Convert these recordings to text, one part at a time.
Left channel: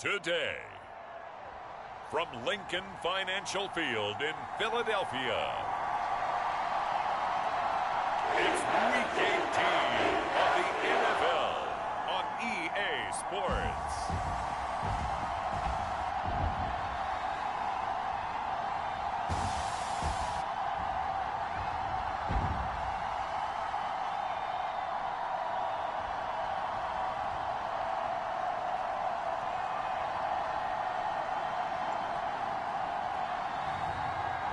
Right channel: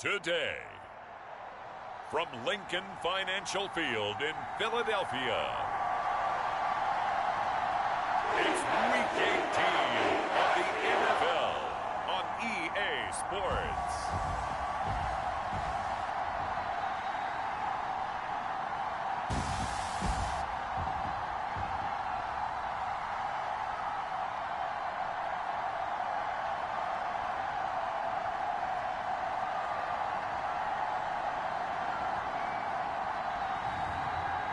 today. From Lincoln Financial Field in Philadelphia, it's Week 18 of the NFL on EA Sports.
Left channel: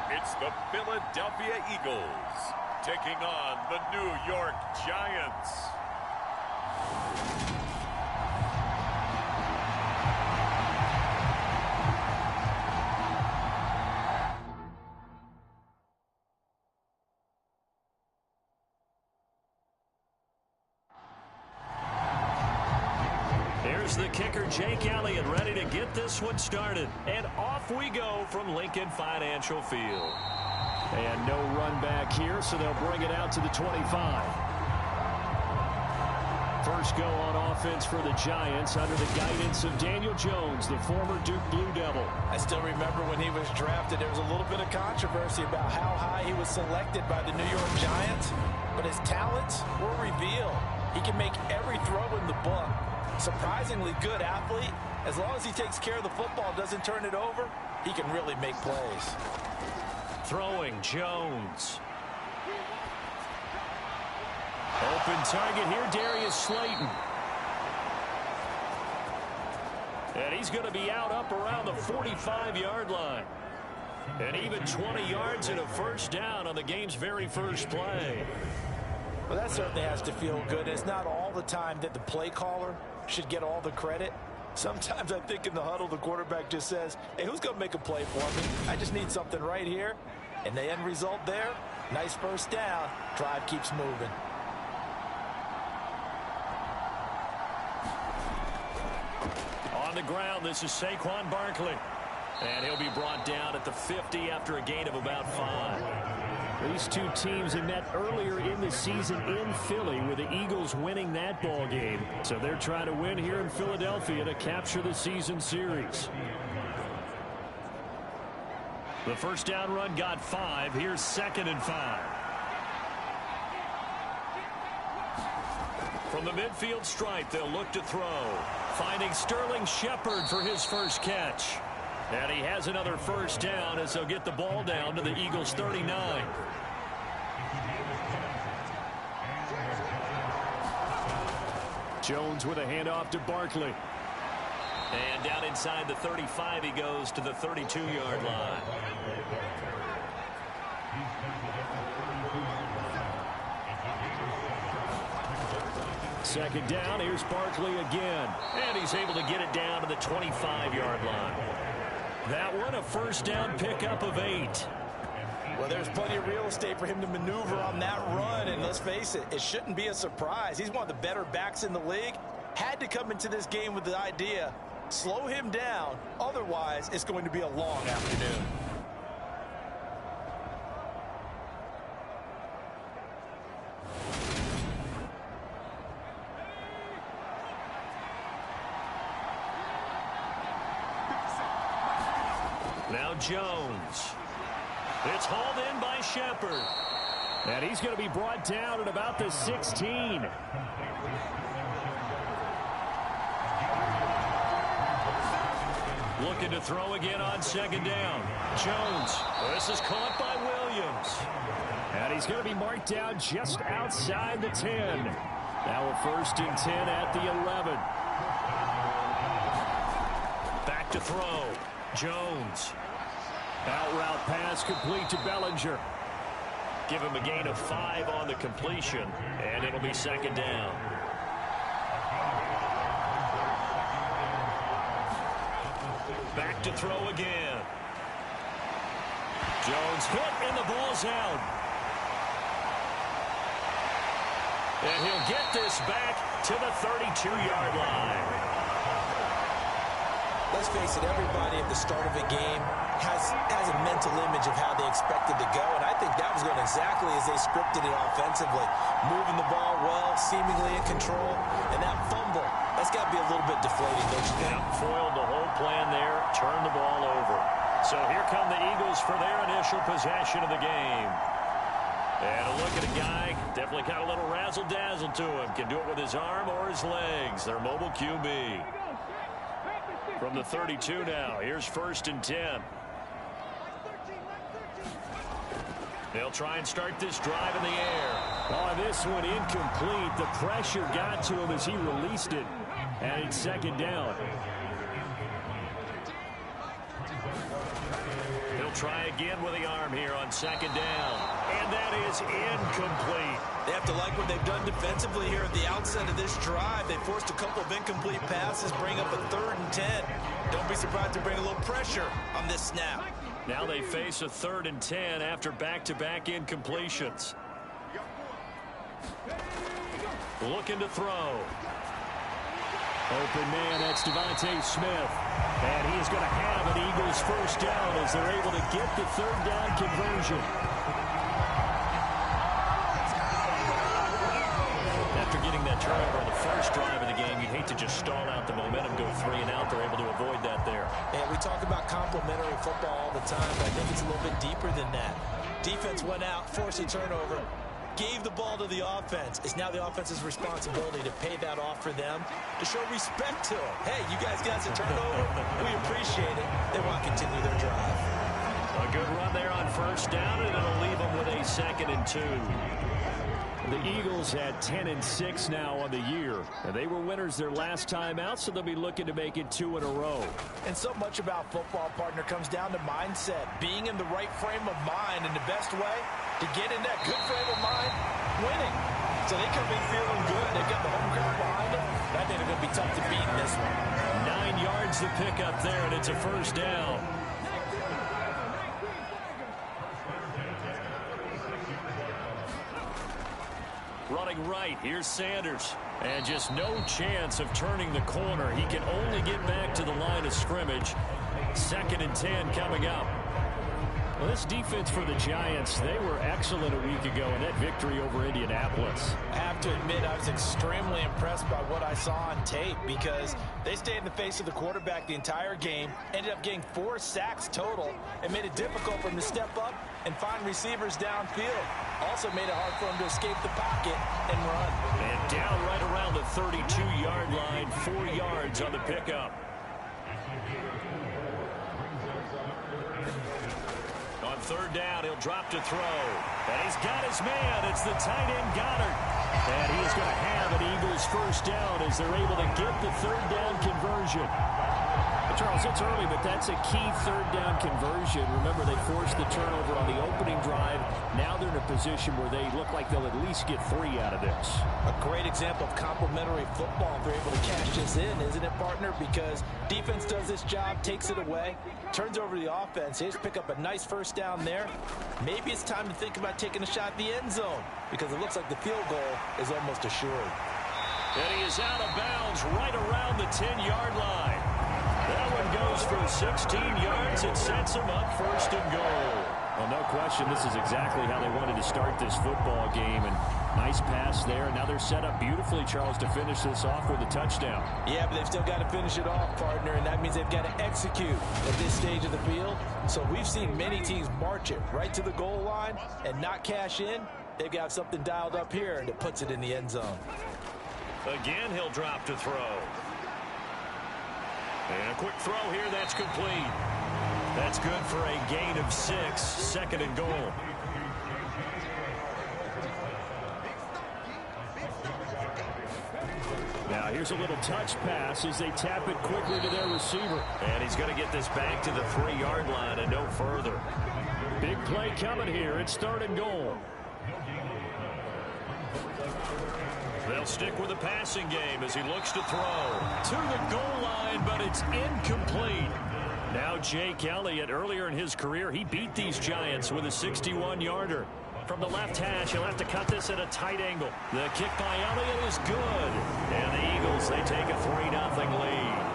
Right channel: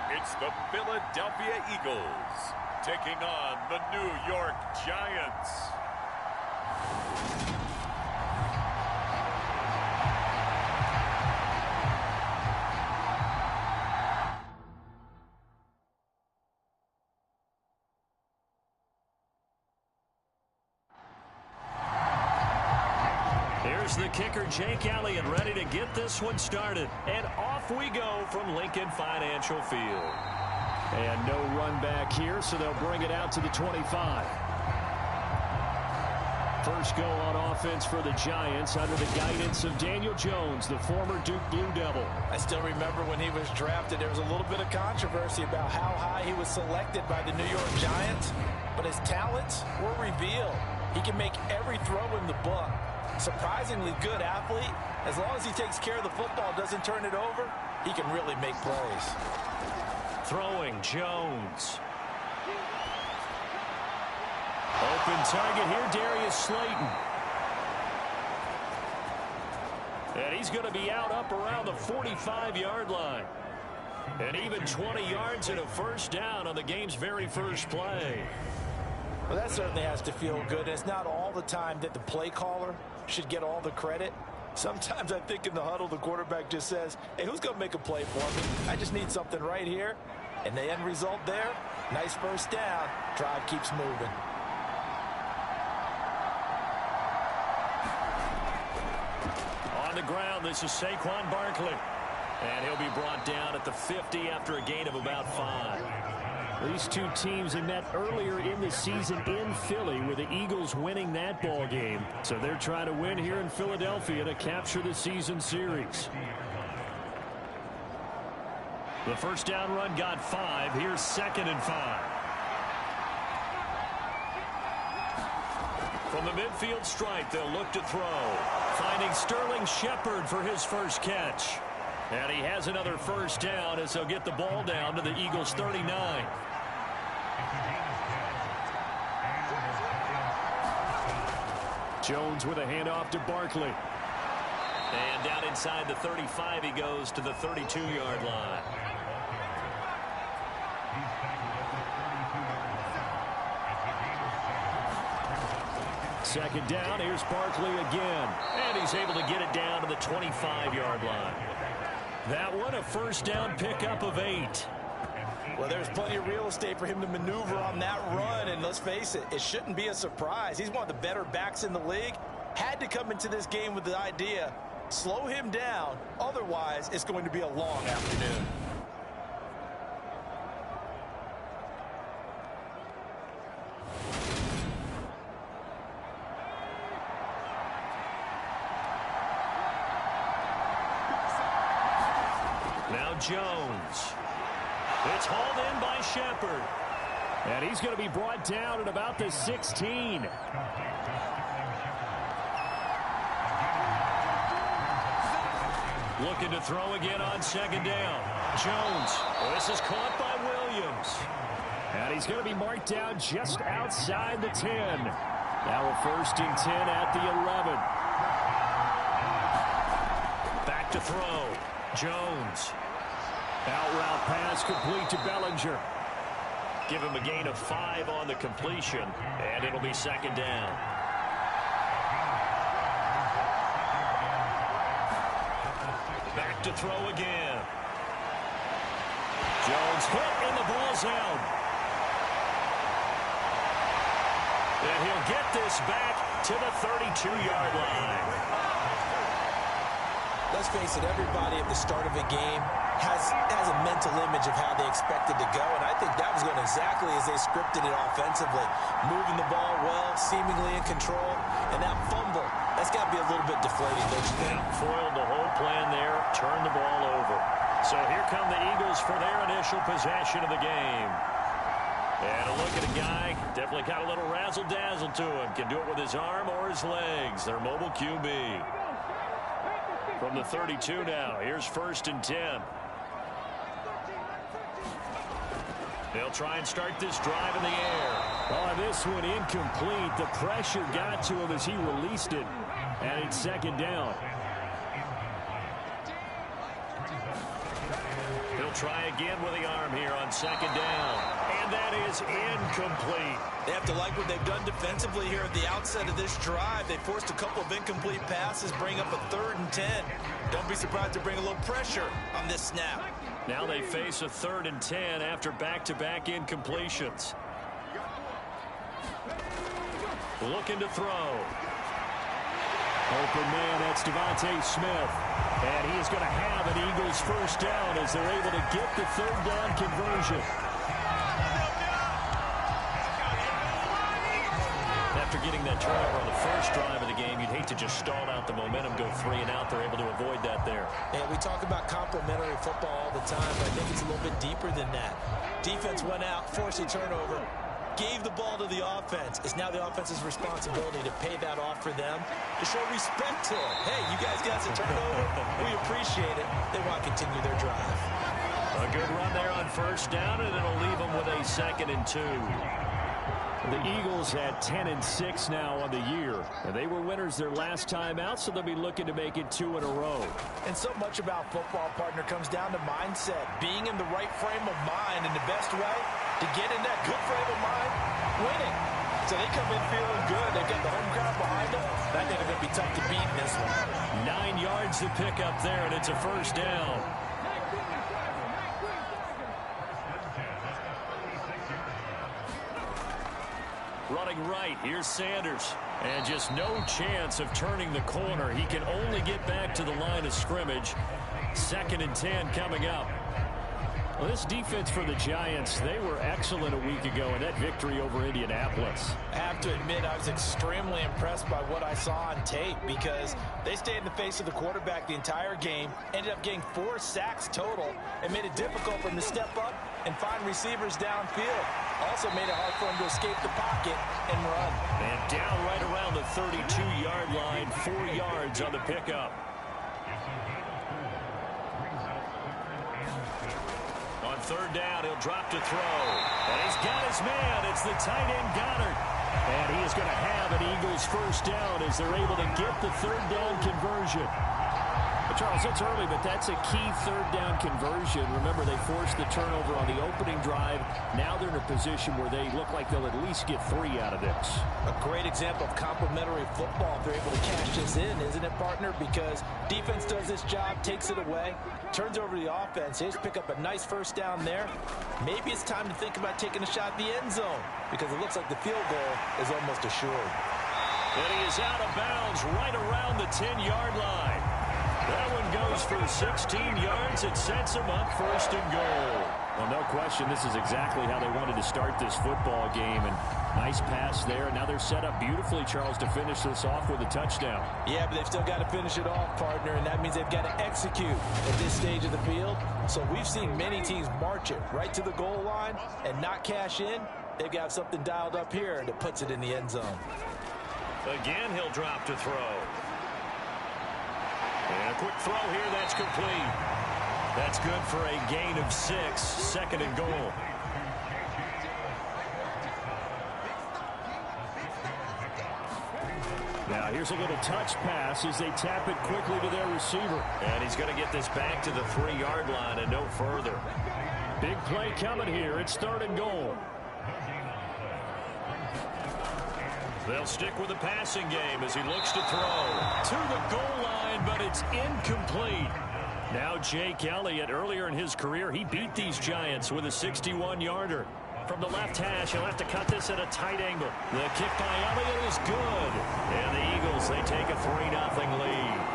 It's the Philadelphia Eagles taking on the New York Giants. Here's the kicker, Jake Elliott, ready to get this one started. And off we go from Lincoln Financial Field. And no run back here, so they'll bring it out to the 25. First go on offense for the Giants under the guidance of Daniel Jones, the former Duke Blue Devil. I still remember when he was drafted, there was a little bit of controversy about how high he was selected by the New York Giants. But his talents were revealed. He can make every throw in the book. Surprisingly good athlete. As long as he takes care of the football, doesn't turn it over, he can really make plays. Throwing Jones. Open target here, Darius Slayton. And he's going to be out up around the 45-yard line. And even 20 yards and a first down on the game's very first play. Well, that certainly has to feel good. It's not all the time that the play caller should get all the credit. Sometimes I think in the huddle, the quarterback just says, hey, who's going to make a play for me? I just need something right here. And the end result there, nice first down. Drive keeps moving. On the ground, this is Saquon Barkley. And he'll be brought down at the 50 after a gain of about 5. These two teams had met earlier in the season in Philly with the Eagles winning that ball game. So they're trying to win here in Philadelphia to capture the season series. The first down run got 5. Here's 2nd and 5. From the midfield stripe, they'll look to throw. Finding Sterling Shepard for his first catch. And he has another first down as they'll get the ball down to the Eagles' 39. Jones with a handoff to Barkley. And down inside the 35, he goes to the 32-yard line. Second down, here's Barkley again. And he's able to get it down to the 25-yard line. That one, a first down pickup of 8. Well, there's plenty of real estate for him to maneuver on that run, and let's face it, it shouldn't be a surprise. He's one of the better backs in the league. Had to come into this game with the idea, slow him down, otherwise it's going to be a long afternoon. Now Jones. It's hauled in by Shepard. And he's going to be brought down at about the 16. Looking to throw again on 2nd down. Jones. This is caught by Williams. And he's going to be marked down just outside the 10. Now a 1st and 10 at the 11. Back to throw. Jones. Out route pass complete to Bellinger. Give him a gain of 5 on the completion, and it'll be 2nd down. Back to throw again. Jones hit, and the ball's out. And he'll get this back to the 32-yard line. Let's face it, everybody at the start of a game has a mental image of how they expect it to go, and I think that was going exactly as they scripted it offensively. Moving the ball well, seemingly in control, and that fumble, that's got to be a little bit deflating, don't you think? Yeah, foiled the whole plan there, turned the ball over. So here come the Eagles for their initial possession of the game. And a look at a guy, definitely got a little razzle-dazzle to him. Can do it with his arm or his legs. Their mobile QB. From the 32 now, here's 1st and 10. They'll try and start this drive in the air. Oh, this one incomplete. The pressure got to him as he released it. And it's 2nd down. He'll try again with the arm here on 2nd down. And that is incomplete. They have to like what they've done defensively here at the outset of this drive. They forced a couple of incomplete passes, bring up a 3rd and 10. Don't be surprised to bring a little pressure on this snap. Now they face a 3rd and 10 after back-to-back incompletions. Looking to throw. Open man, that's Devontae Smith. And he is going to have an Eagles 1st down as they're able to get the 3rd down conversion. After getting that turnover on the first drive of the game, you'd hate to just stall out the momentum, go 3 and out. They're able to avoid that there. And we talk about complementary football all the time, but I think it's a little bit deeper than that. Defense went out, forced a turnover, gave the ball to the offense. It's now the offense's responsibility to pay that off for them, to show respect to them. Hey, you guys got us a turnover. We appreciate it. They want to continue their drive. A good run there on 1st down, and it'll leave them with a 2nd and 2. The Eagles at 10-6 now on the year. And they were winners their last time out, so they'll be looking to make it 2 in a row. And so much about football, partner, comes down to mindset. Being in the right frame of mind, and the best way to get in that good frame of mind, winning. So they come in feeling good. They've got the home crowd behind them. I think they're going to be tough to beat in this one. 9 yards to pick up there, and it's a 1st down. Running right, here's Sanders. And just no chance of turning the corner. He can only get back to the line of scrimmage. 2nd and 10 coming up. Well, this defense for the Giants, they were excellent a week ago in that victory over Indianapolis. I have to admit, I was extremely impressed by what I saw on tape because they stayed in the face of the quarterback the entire game, ended up getting 4 sacks total, and made it difficult for him to step up and find receivers downfield. Also made it hard for him to escape the pocket and run. And down right around the 32-yard line, 4 yards on the pickup. On 3rd down, he'll drop to throw. And he's got his man. It's the tight end, Goddard. And he is going to have an Eagles 1st down as they're able to get the 3rd down conversion. But Charles, it's early, but that's a key 3rd down conversion. Remember, they forced the turnover on the opening drive. Now they're in a position where they look like they'll at least get 3 out of this. A great example of complementary football if they're able to cash this in, isn't it, partner? Because defense does this job, takes it away, turns over the offense. They just pick up a nice 1st down there. Maybe it's time to think about taking a shot at the end zone because it looks like the field goal is almost assured. And he is out of bounds right around the 10-yard line. That one goes for 16 yards. It sets him up 1st and goal. Well, no question, this is exactly how they wanted to start this football game. And nice pass there. And now they're set up beautifully, Charles, to finish this off with a touchdown. Yeah, but they've still got to finish it off, partner, and that means they've got to execute at this stage of the field. So we've seen many teams march it right to the goal line and not cash in. They've got something dialed up here, and it puts it in the end zone. Again, he'll drop to throw. And a quick throw here, that's complete. That's good for a gain of 6, 2nd and goal. Now here's a little touch pass as they tap it quickly to their receiver. And he's going to get this back to the 3-yard line and no further. Big play coming here. It's 3rd and goal. They'll stick with the passing game as he looks to throw. To the goal line, but it's incomplete. Now Jake Elliott, earlier in his career, he beat these Giants with a 61-yarder. From the left hash, he'll have to cut this at a tight angle. The kick by Elliott is good. And the Eagles, they take a 3-0 lead.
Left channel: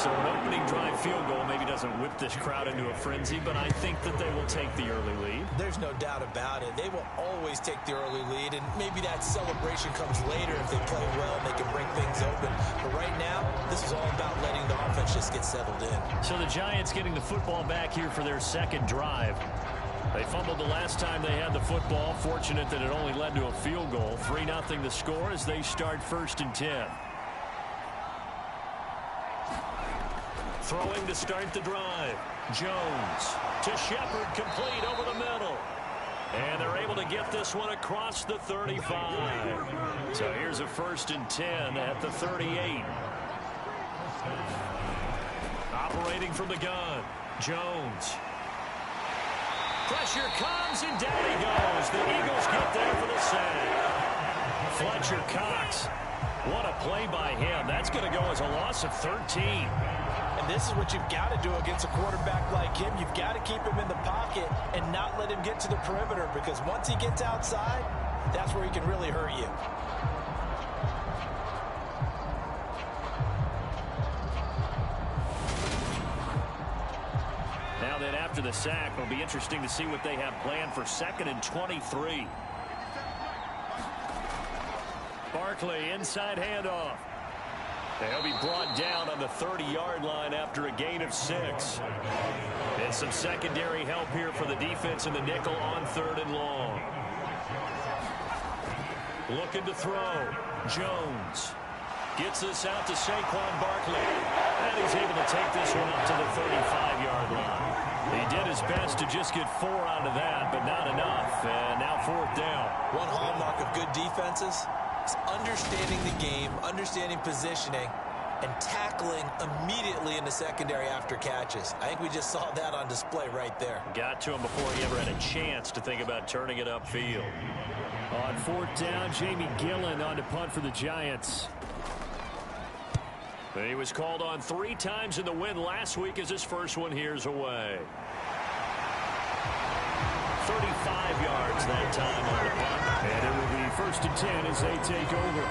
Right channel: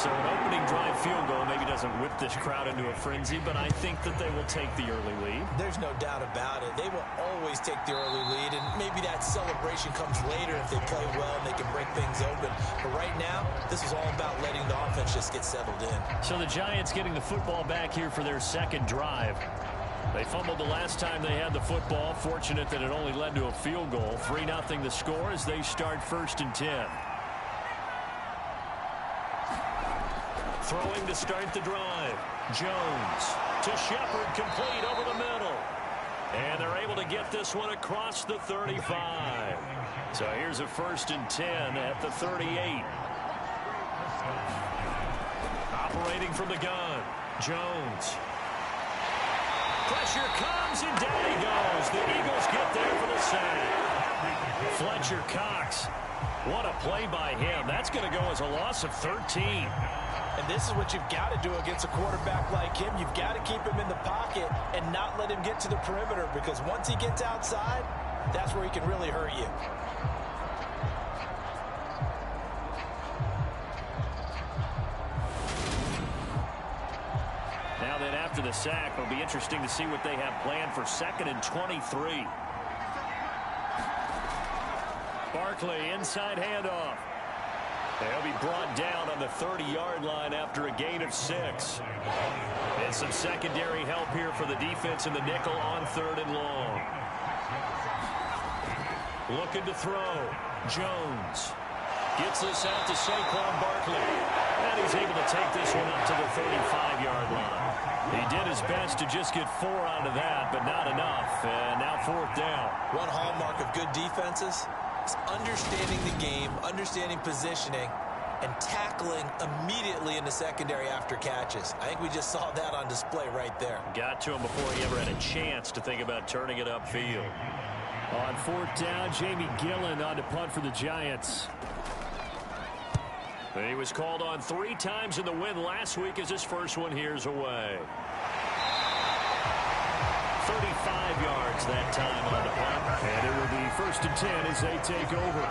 So an opening drive field goal maybe doesn't whip this crowd into a frenzy, but I think that they will take the early lead. There's no doubt about it. They will always take the early lead, and maybe that celebration comes later if they play well and they can break things open. But right now, this is all about letting the offense just get settled in. So the Giants getting the football back here for their second drive. They fumbled the last time they had the football. Fortunate that it only led to a field goal. 3-0 the score as they start 1st and 10. Throwing to start the drive. Jones to Shepard, complete over the middle. And they're able to get this one across the 35. So here's a 1st and 10 at the 38. Operating from the gun. Jones. Pressure comes, and down he goes. The Eagles get there for the sack. Fletcher Cox. What a play by him. That's going to go as a loss of 13. And this is what you've got to do against a quarterback like him. You've got to keep him in the pocket and not let him get to the perimeter, because once he gets outside, that's where he can really hurt you. Now then, after the sack, it'll be interesting to see what they have planned for 2nd and 23. Barkley, inside handoff. He'll be brought down on the 30-yard line after a gain of 6. And some secondary help here for the defense in the nickel on 3rd and long. Looking to throw. Jones gets this out to Saquon Barkley. And he's able to take this one up to the 35-yard line. He did his best to just get 4 out of that, but not enough. And now 4th down. One hallmark of good defenses is understanding the game, understanding positioning, and tackling immediately in the secondary after catches. I think we just saw that on display right there. Got to him before he ever had a chance to think about turning it upfield. On 4th down, Jamie Gillen on to punt for the Giants. He was called on 3 times in the win last week as his first one here's away. 35 yards that time on the punt. And it will be 1st and 10 as they take over.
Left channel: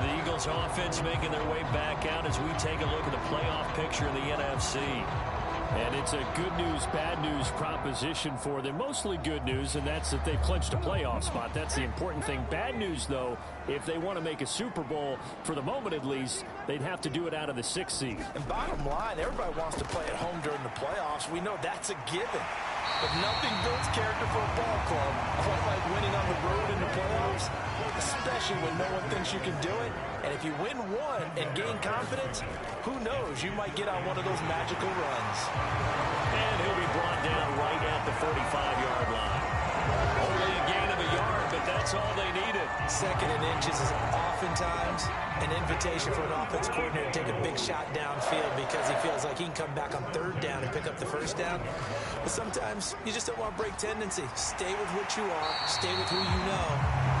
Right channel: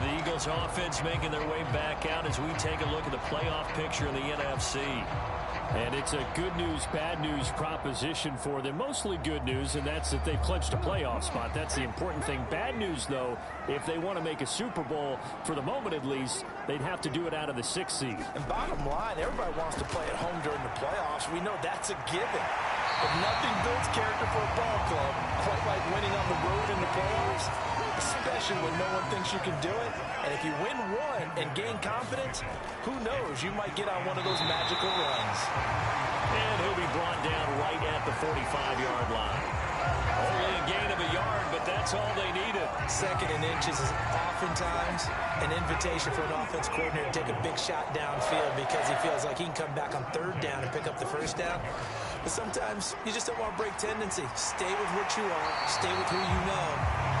The Eagles offense making their way back out as we take a look at the playoff picture in the NFC. And it's a good news, bad news proposition for them. Mostly good news, and that's that they've clinched a playoff spot. That's the important thing. Bad news, though, if they want to make a Super Bowl, for the moment at least, they'd have to do it out of the 6th seed. And bottom line, everybody wants to play at home during the playoffs. We know that's a given. But nothing builds character for a ball club quite like winning on the road in the playoffs, especially when no one thinks you can do it. And if you win one and gain confidence, who knows, you might get on one of those magical runs. And he'll be brought down right at the 45-yard line. Only a gain of a yard, but that's all they needed. 2nd and inches is oftentimes an invitation for an offense coordinator to take a big shot downfield because he feels like he can come back on 3rd down and pick up the 1st down. But sometimes you just don't want to break tendency. Stay with what you are, stay with who you know,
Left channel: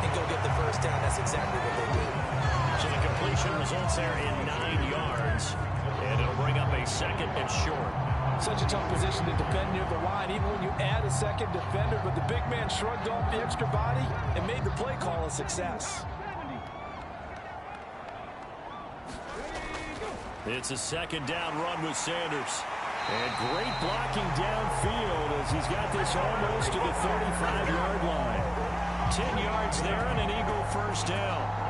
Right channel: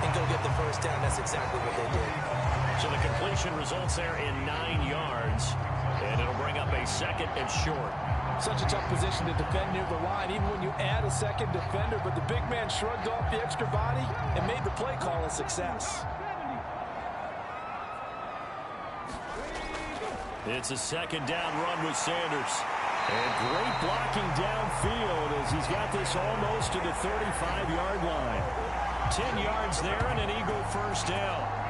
and go get the 1st down. That's exactly what they did. So the completion results there in 9 yards, and it'll bring up a 2nd and short. Such a tough position to defend near the line, even when you add a 2nd defender, but the big man shrugged off the extra body and made the play call a success. It's a 2nd down run with Sanders. And great blocking downfield as he's got this almost to the 35-yard line. 10 yards there and an Eagle 1st down.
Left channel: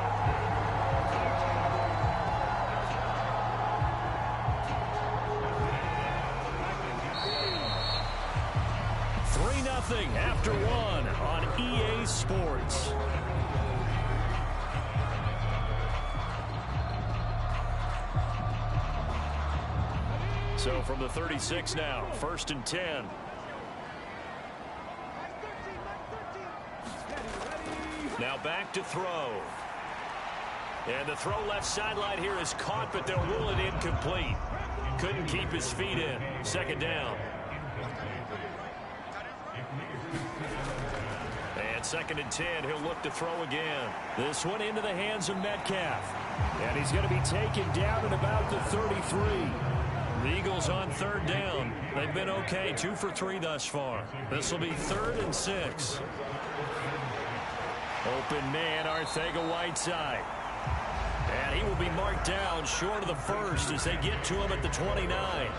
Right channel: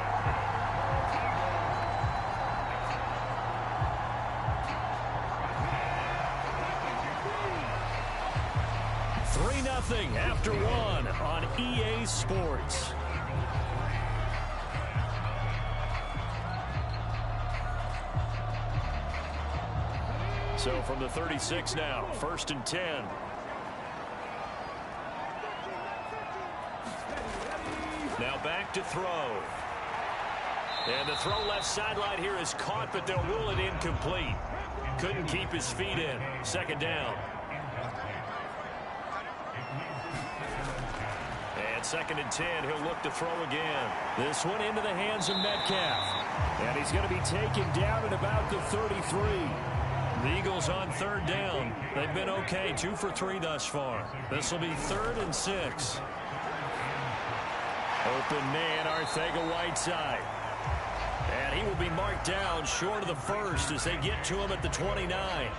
Nothing after 1 on EA Sports. So from the 36 now, 1st and 10. Now back to throw. And the throw left sideline here is caught, but they'll rule it incomplete. Couldn't keep his feet in. 2nd down. And 2nd and 10, he'll look to throw again. This one into the hands of Metcalf. And he's going to be taken down at about the 33. The Eagles on 3rd down. They've been okay, 2 for 3 thus far. This will be 3rd and 6. Open man, Arcega-Whiteside. And he will be marked down short of the first as they get to him at the 29.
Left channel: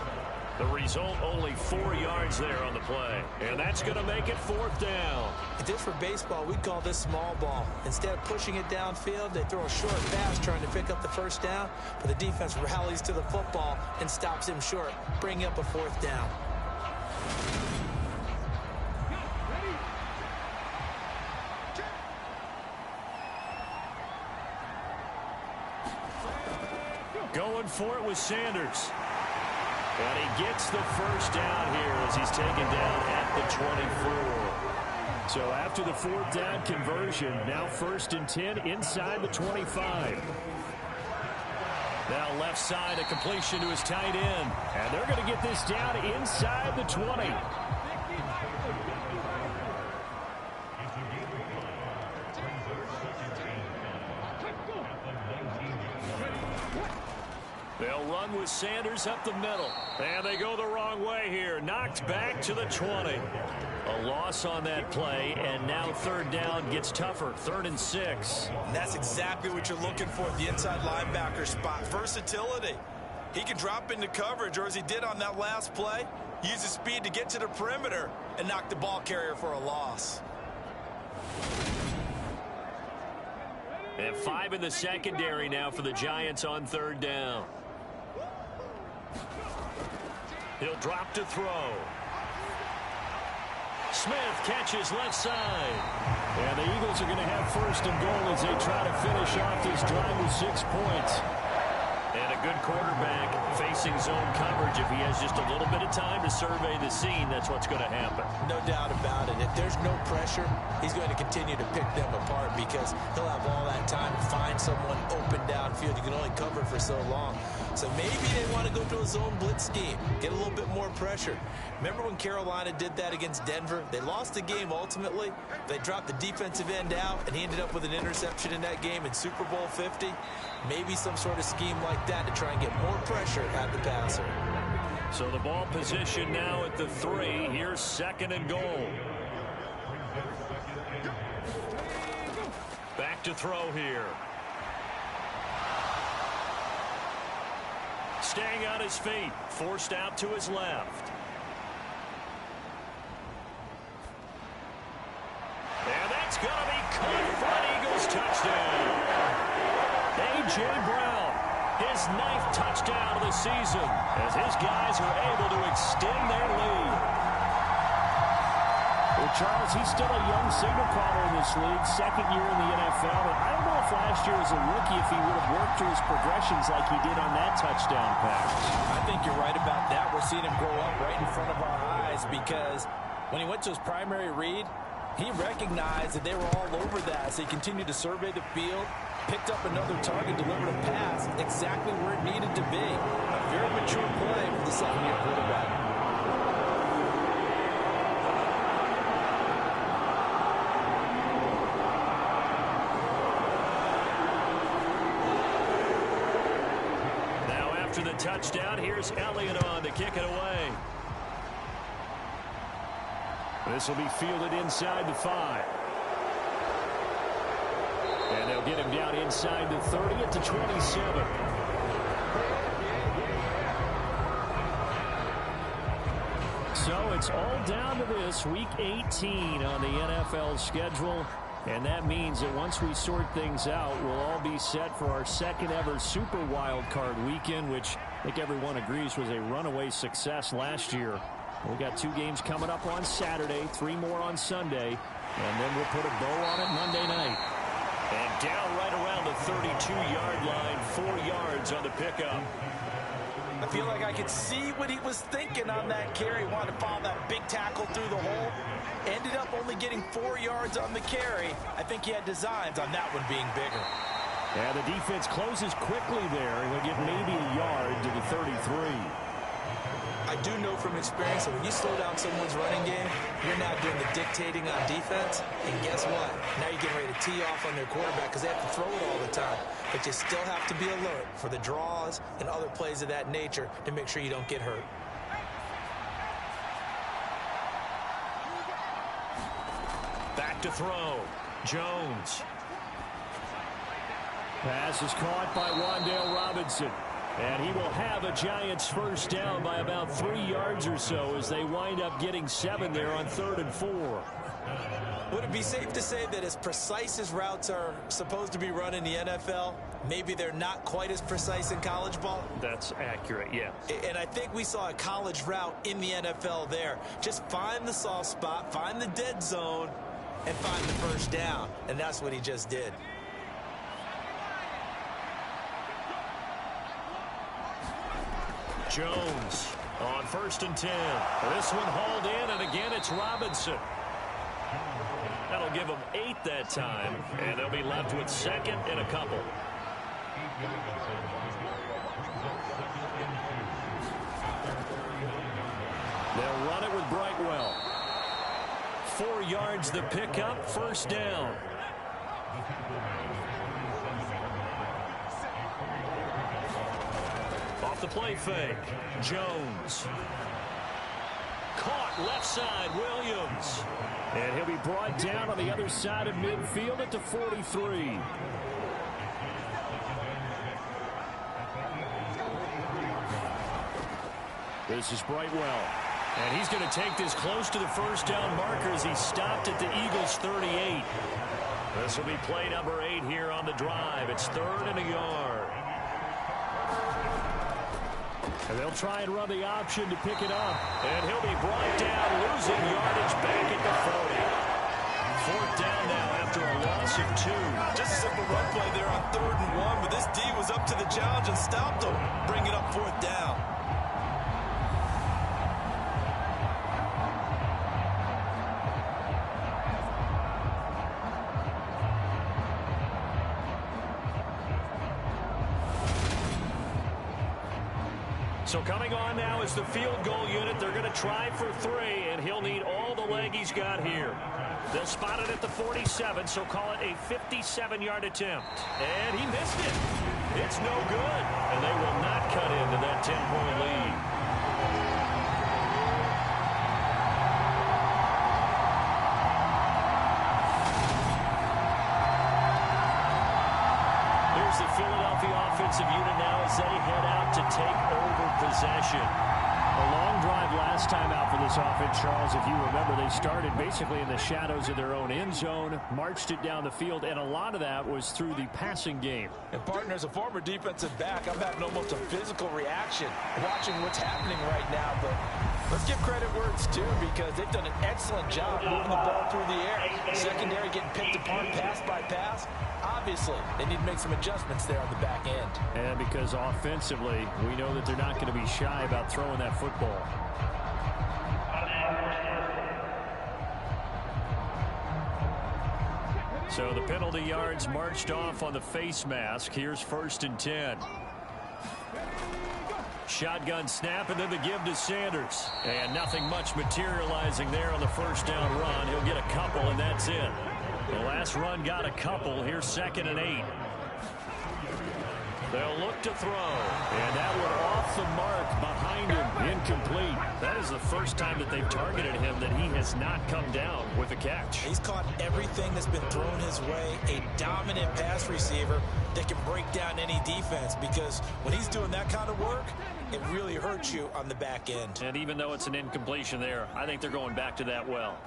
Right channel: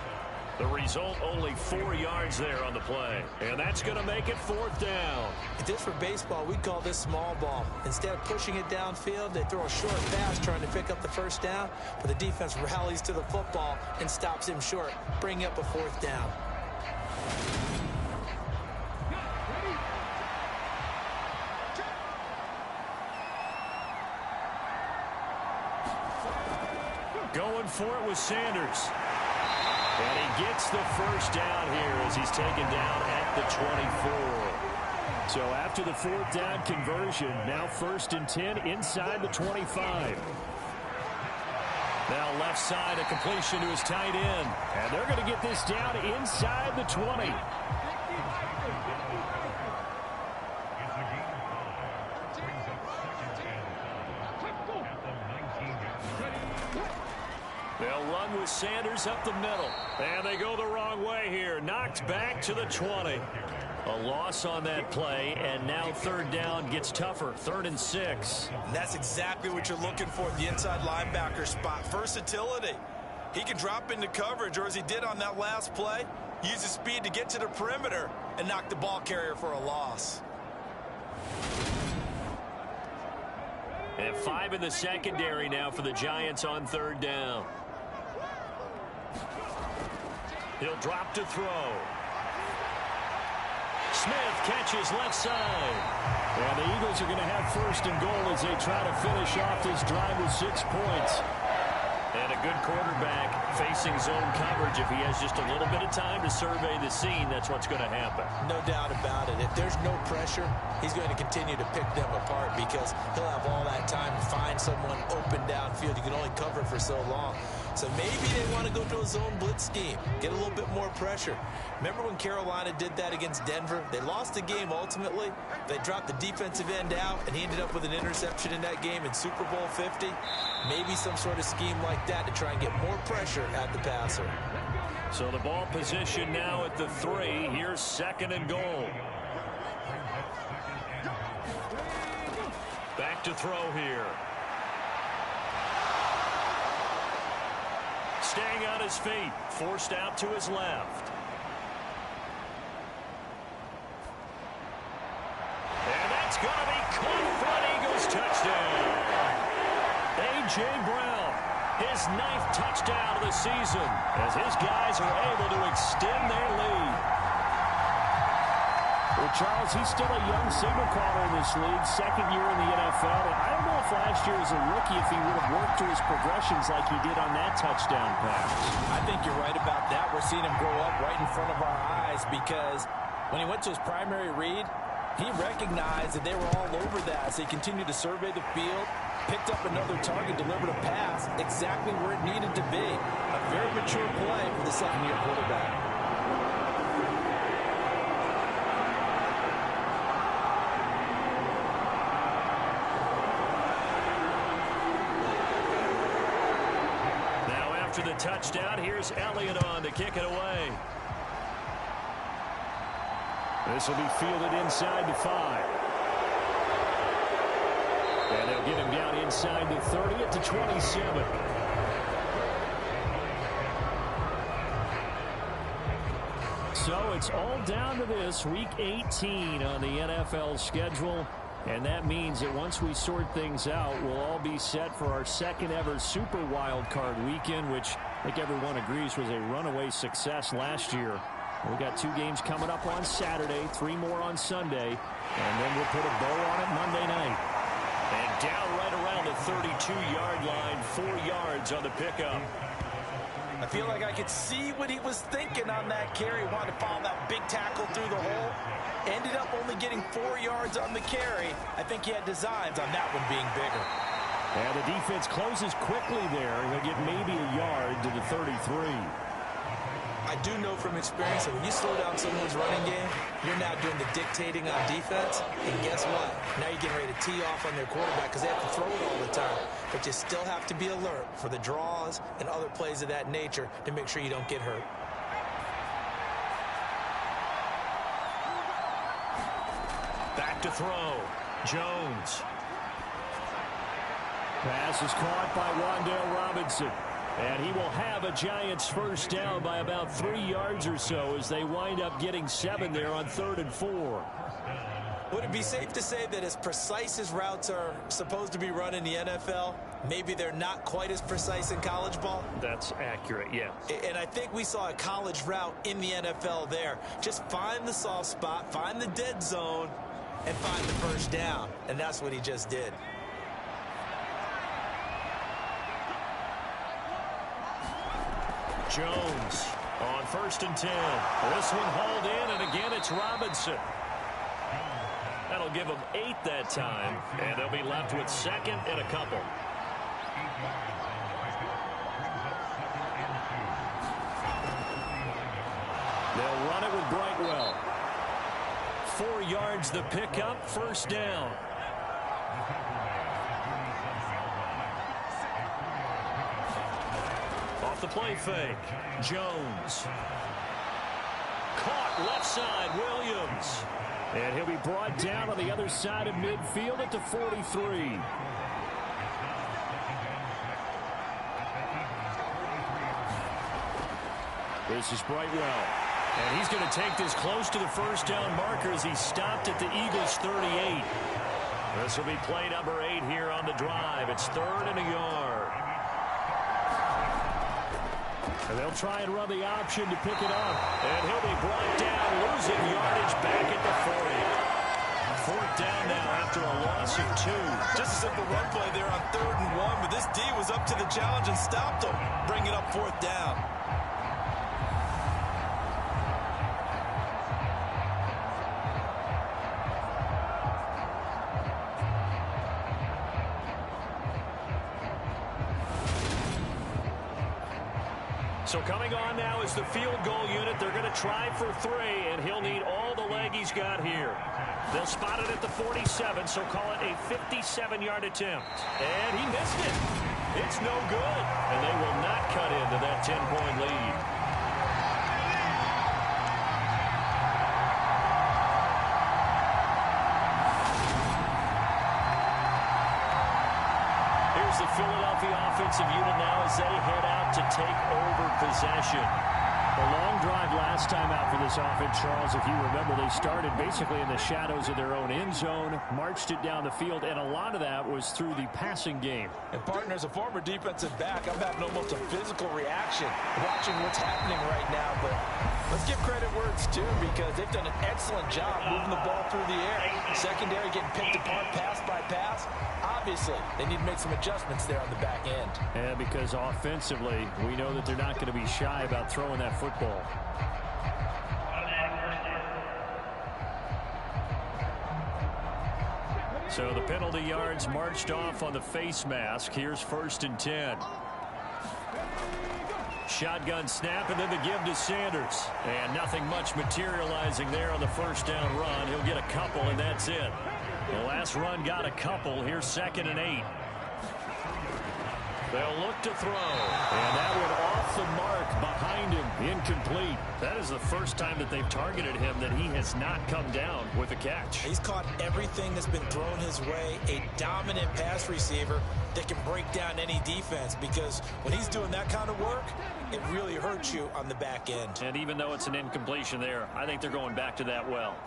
The result, only 4 yards there on the play. And that's going to make it 4th down. If this were baseball, we'd call this small ball. Instead of pushing it downfield, they throw a short pass trying to pick up the first down, but the defense rallies to the football and stops him short, bringing up a 4th down. Going for it with Sanders. And he gets the first down here as he's taken down at the 24. So after the 4th down conversion, now 1st and 10 inside the 25. Now left side, a completion to his tight end. And they're going to get this down inside the 20. They'll run with Sanders up the middle. And they go the wrong way here. Knocked back to the 20. A loss on that play, and now 3rd down gets tougher. 3rd and 6. And that's exactly what you're looking for at the inside linebacker spot. Versatility. He can drop into coverage, or as he did on that last play, use his speed to get to the perimeter and knock the ball carrier for a loss. And 5 in the secondary now for the Giants on 3rd down. He'll drop to throw. Smith catches left side. And the Eagles are going to have 1st and goal as they try to finish off this drive with 6 points. And a good quarterback facing zone coverage. If he has just a little bit of time to survey the scene, that's what's going to happen. No doubt about it. If there's no pressure, he's going to continue to pick them apart because he'll have all that time to find someone open downfield. You can only cover for so long. So maybe they want to go to a zone blitz scheme, get a little bit more pressure. Remember when Carolina did that against Denver? They lost the game ultimately. They dropped the defensive end out, and he ended up with an interception in that game in Super Bowl 50. Maybe some sort of scheme like that to try and get more pressure at the passer. So the ball position now at the 3. Here's 2nd and goal. Back to throw here. Staying on his feet. Forced out to his left. And that's going to be caught for an Eagles touchdown. A.J. Brown, his 9th touchdown of the season as his guys are able to extend their lead. Well, Charles, he's still a young signal caller in this league, 2nd year in the NFL. But I don't know if last year as a rookie if he would have worked through his progressions like he did on that touchdown pass. I think you're right about that. We're seeing him grow up right in front of our eyes because when he went to his primary read, he recognized that they were all over that. So he continued to survey the field, picked up another target, delivered a pass exactly where it needed to be. A very mature play for the 2nd-year quarterback. After the touchdown, here's Elliott on to kick it away. This will be fielded inside the 5. And they'll get him down inside the 30 at the 27. So it's all down to this, Week 18 on the NFL schedule. And that means that once we sort things out, we'll all be set for our 2nd ever Super Wild Card weekend, which I think everyone agrees was a runaway success last year. We got 2 games coming up on Saturday, 3 more on Sunday, and then we'll put a bow on it Monday night. And down right around the 32-yard line, 4 yards on the pickup. I feel like I could see what he was thinking on that carry. Wanted to follow that big tackle through the hole. Ended up only getting 4 yards on the carry. I think he had designs on that one being bigger. And the defense closes quickly there. He'll get maybe a yard to the 33. I do know from experience that when you slow down someone's running game, you're now doing the dictating on defense. And guess what? Now you're getting ready to tee off on their quarterback because they have to throw it all the time. But you still have to be alert for the draws and other plays of that nature to make sure you don't get hurt. Back to throw. Jones. Pass is caught by Wan'Dale Robinson. And he will have a Giants first down by about 3 yards or so as they wind up getting 7 there on 3rd and 4. Would it be safe to say that as precise as routes are supposed to be run in the NFL, maybe they're not quite as precise in college ball? That's accurate, yeah. And I think we saw a college route in the NFL there. Just find the soft spot, find the dead zone, and find the first down. And that's what he just did. Jones on 1st and 10. This one hauled in, and again it's Robinson. That'll give them 8 that time, and they'll be left with 2nd and a couple. They'll run it with Brightwell. 4 yards the pickup, first down. Off the play fake, Jones. Caught left side, Williams. And he'll be brought down on the other side of midfield at the 43. This is Brightwell. And he's going to take this close to the first down marker as he stopped at the Eagles' 38. This will be play number 8 here on the drive. It's 3rd and a yard. And they'll try and run the option to pick it up. And he'll be brought down, losing yardage back at the 40. 4th down now after a loss of 2. Just a simple run play there on 3rd and 1, but this D was up to the challenge and stopped him, bringing up 4th down. So coming on now is the field goal unit. They're going to try for 3, and he'll need all the leg he's got here. They'll spot it at the 47, so call it a 57-yard attempt. And he missed it. It's no good, and they will not cut into that 10-point lead. Here's the Philadelphia offensive unit now as they head out to take over possession. A long drive last time out for this offense, Charles. If you remember, they started basically in the shadows of their own end zone, marched it down the field, and a lot of that was through the passing game. And, partner, as a former defensive back, I'm having almost a physical reaction watching what's happening right now. But let's give credit where it's due because they've done an excellent job moving the ball through the air. Secondary getting picked apart pass by pass. Obviously, they need to make some adjustments there on the back end. And because offensively, we know that they're not going to be shy about throwing that football. So the penalty yards marched off on the face mask. Here's 1st and 10. Shotgun snap and then the give to Sanders. And nothing much materializing there on the first down run. He'll get a couple and that's it. The last run got a couple. Here's 2nd and 8. They'll look to throw. And that one off the mark behind him. Incomplete. That is the first time that they've targeted him that he has not come down with a catch. He's caught everything that's been thrown his way. A dominant pass receiver that can break down any defense because when he's doing that kind of work, it really hurts you on the back end. And even though it's an incompletion there, I think they're going back to that well.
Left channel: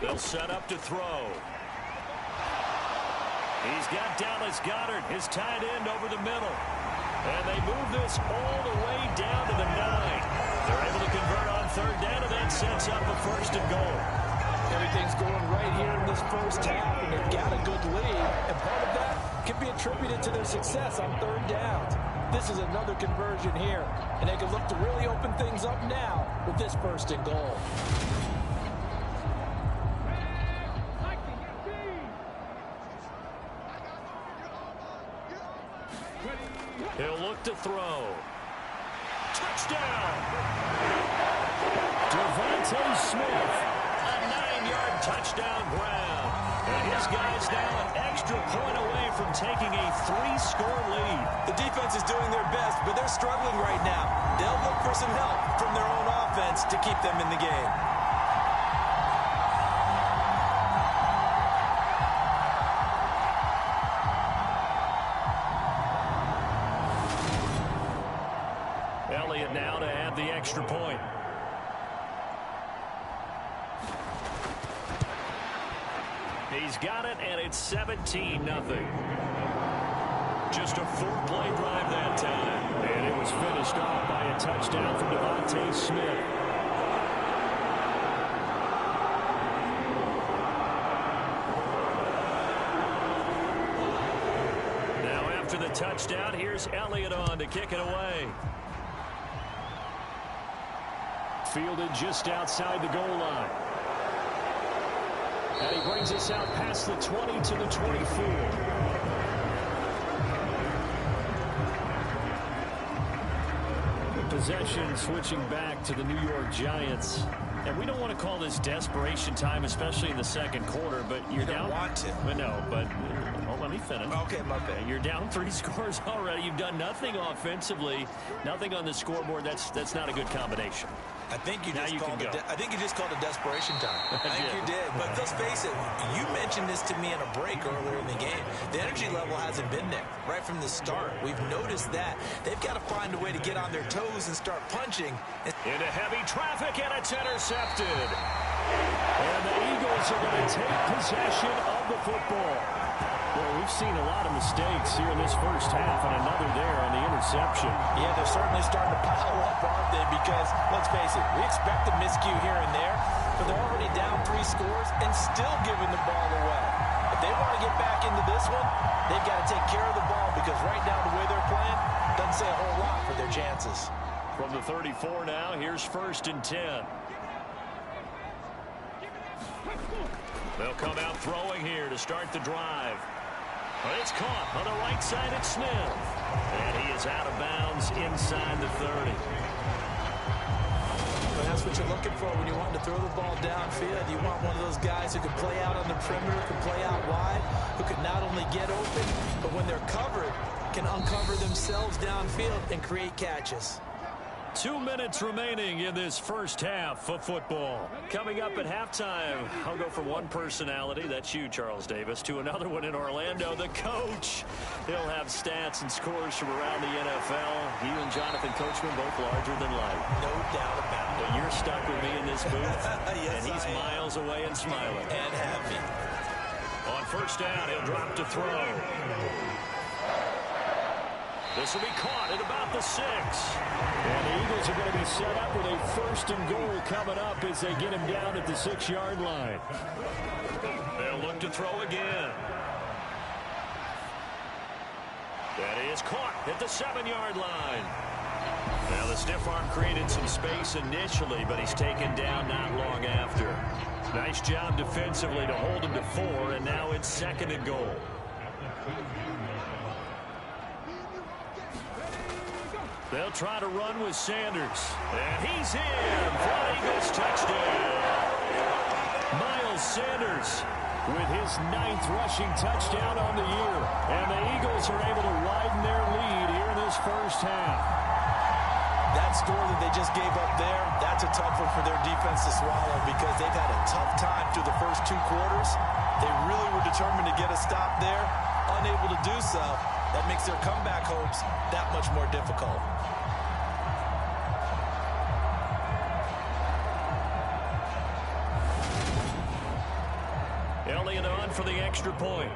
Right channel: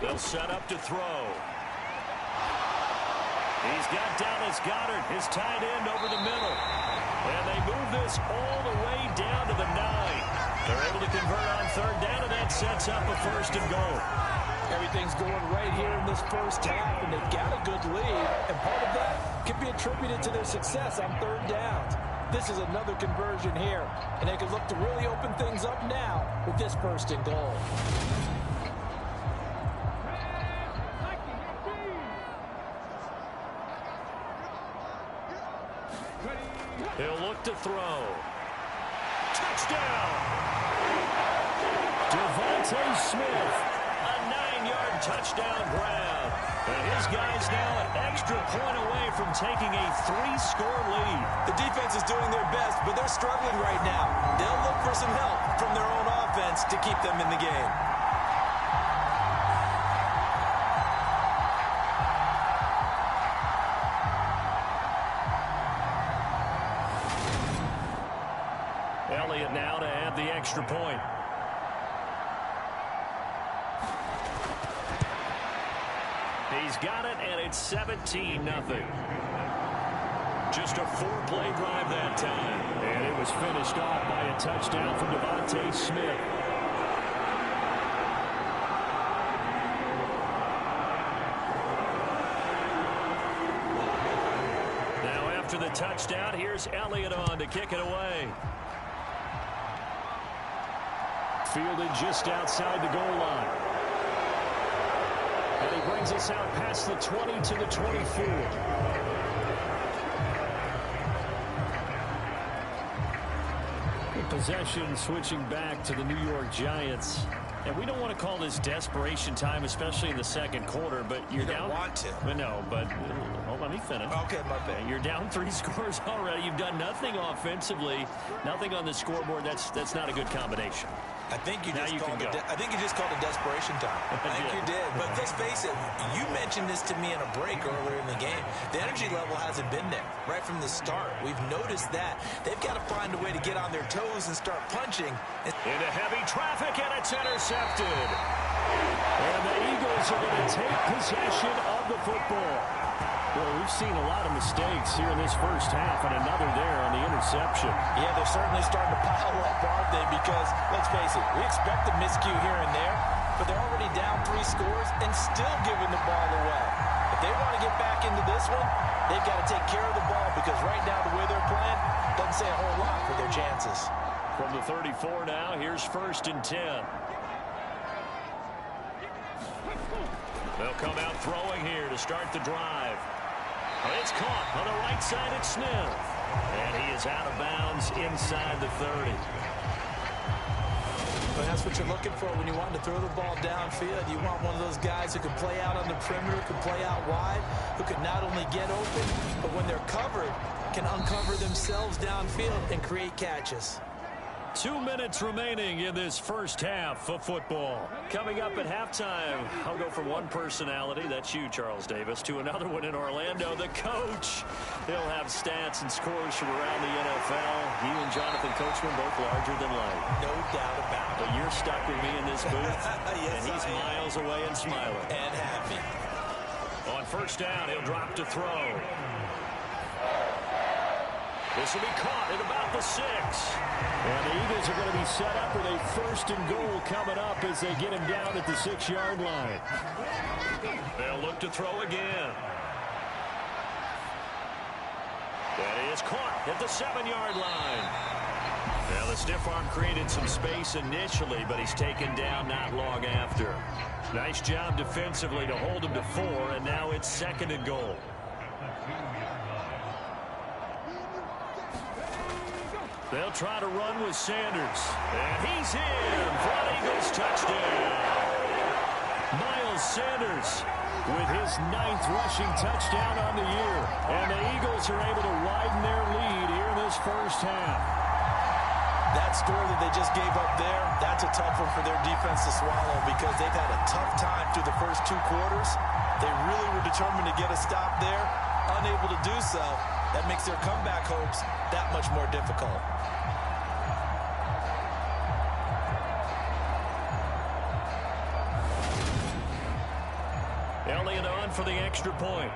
They'll set up to throw. He's got Dallas Goedert, his tight end, over the middle. And they move this all the way down to the 9. They're able to convert on 3rd down, and that sets up a 1st and goal. Everything's going right here in this first half, and they've got a good lead. And part of that can be attributed to their success on 3rd downs. This is another conversion here, and they can look to really open things up now with this 1st and goal. He'll look to throw. Touchdown! Devontae Smith. A 9-yard touchdown grab. And his guy's now an extra point away from taking a 3-score lead. The defense is doing their best, but they're struggling right now. They'll look for some help from their own offense to keep them in the game. Elliott now to add the extra point. He's got it, and it's 17-0. Just a 4-play drive that time. And it was finished off by a touchdown from Devontae Smith. Now after the touchdown, here's Elliott on to kick it away. Fielded just outside the goal line. And he brings us out past the 20 to the 24. Possession switching back to the New York Giants. And we don't want to call this desperation time, especially in the second quarter, but you're down. You don't want to. But no, but let me finish. Okay, my bad. You're down 3 scores already. You've done nothing offensively, nothing on the scoreboard. That's not a good combination. I think you just called it desperation time. I think you did. But let's face it, you mentioned this to me in a break earlier in the game. The energy level hasn't been there right from the start. We've noticed that. They've got to find a way to get on their toes and start punching. Into heavy traffic, and it's intercepted. And the Eagles are going to take possession of the football. Well, we've seen a lot of mistakes here in this first half, and another there on the interception. Yeah, they're certainly starting to pile up, aren't they? Because, let's face it, we expect a miscue here and there, but they're already down 3 scores and still giving the ball away. If they want to get back into this one, they've got to take care of the ball, because right now the way they're playing doesn't say a whole lot for their chances. From the 34 now, here's 1st and 10. They'll come out throwing here to start the drive. It's caught on the right side at Smith. And he is out of bounds inside the 30. But that's what you're looking for when you want to throw the ball downfield. You want one of those guys who can play out on the perimeter, can play out wide, who can not only get open, but when they're covered, can uncover themselves downfield and create catches. 2 minutes remaining in this first half of football. Coming up at halftime, I'll go from one personality, that's you, Charles Davis, to another one in Orlando, the coach. He'll have stats and scores from around the NFL. He and Jonathan Coachman both larger than life. No doubt about it. But you're stuck with me in this booth, yes, and he's miles away and smiling. And happy. On first down, he'll drop to throw. This will be caught at about the 6. And the Eagles are going to be set up with a 1st and goal coming up as they get him down at the 6-yard line. They'll look to throw again. That is caught at the 7-yard line. Now the stiff arm created some space initially, but he's taken down not long after. Nice job defensively to hold him to 4, and now it's 2nd and goal. They'll try to run with Sanders. And he's in for an Eagles touchdown. Miles Sanders with his 9th rushing touchdown on the year. And the Eagles are able to widen their lead here in this first half. That score that they just gave up there, that's a tough one for their defense to swallow, because they've had a tough time through the first 2 quarters. They really were determined to get a stop there. Unable to do so. That makes their comeback hopes that much more difficult. Elliott on for the extra point.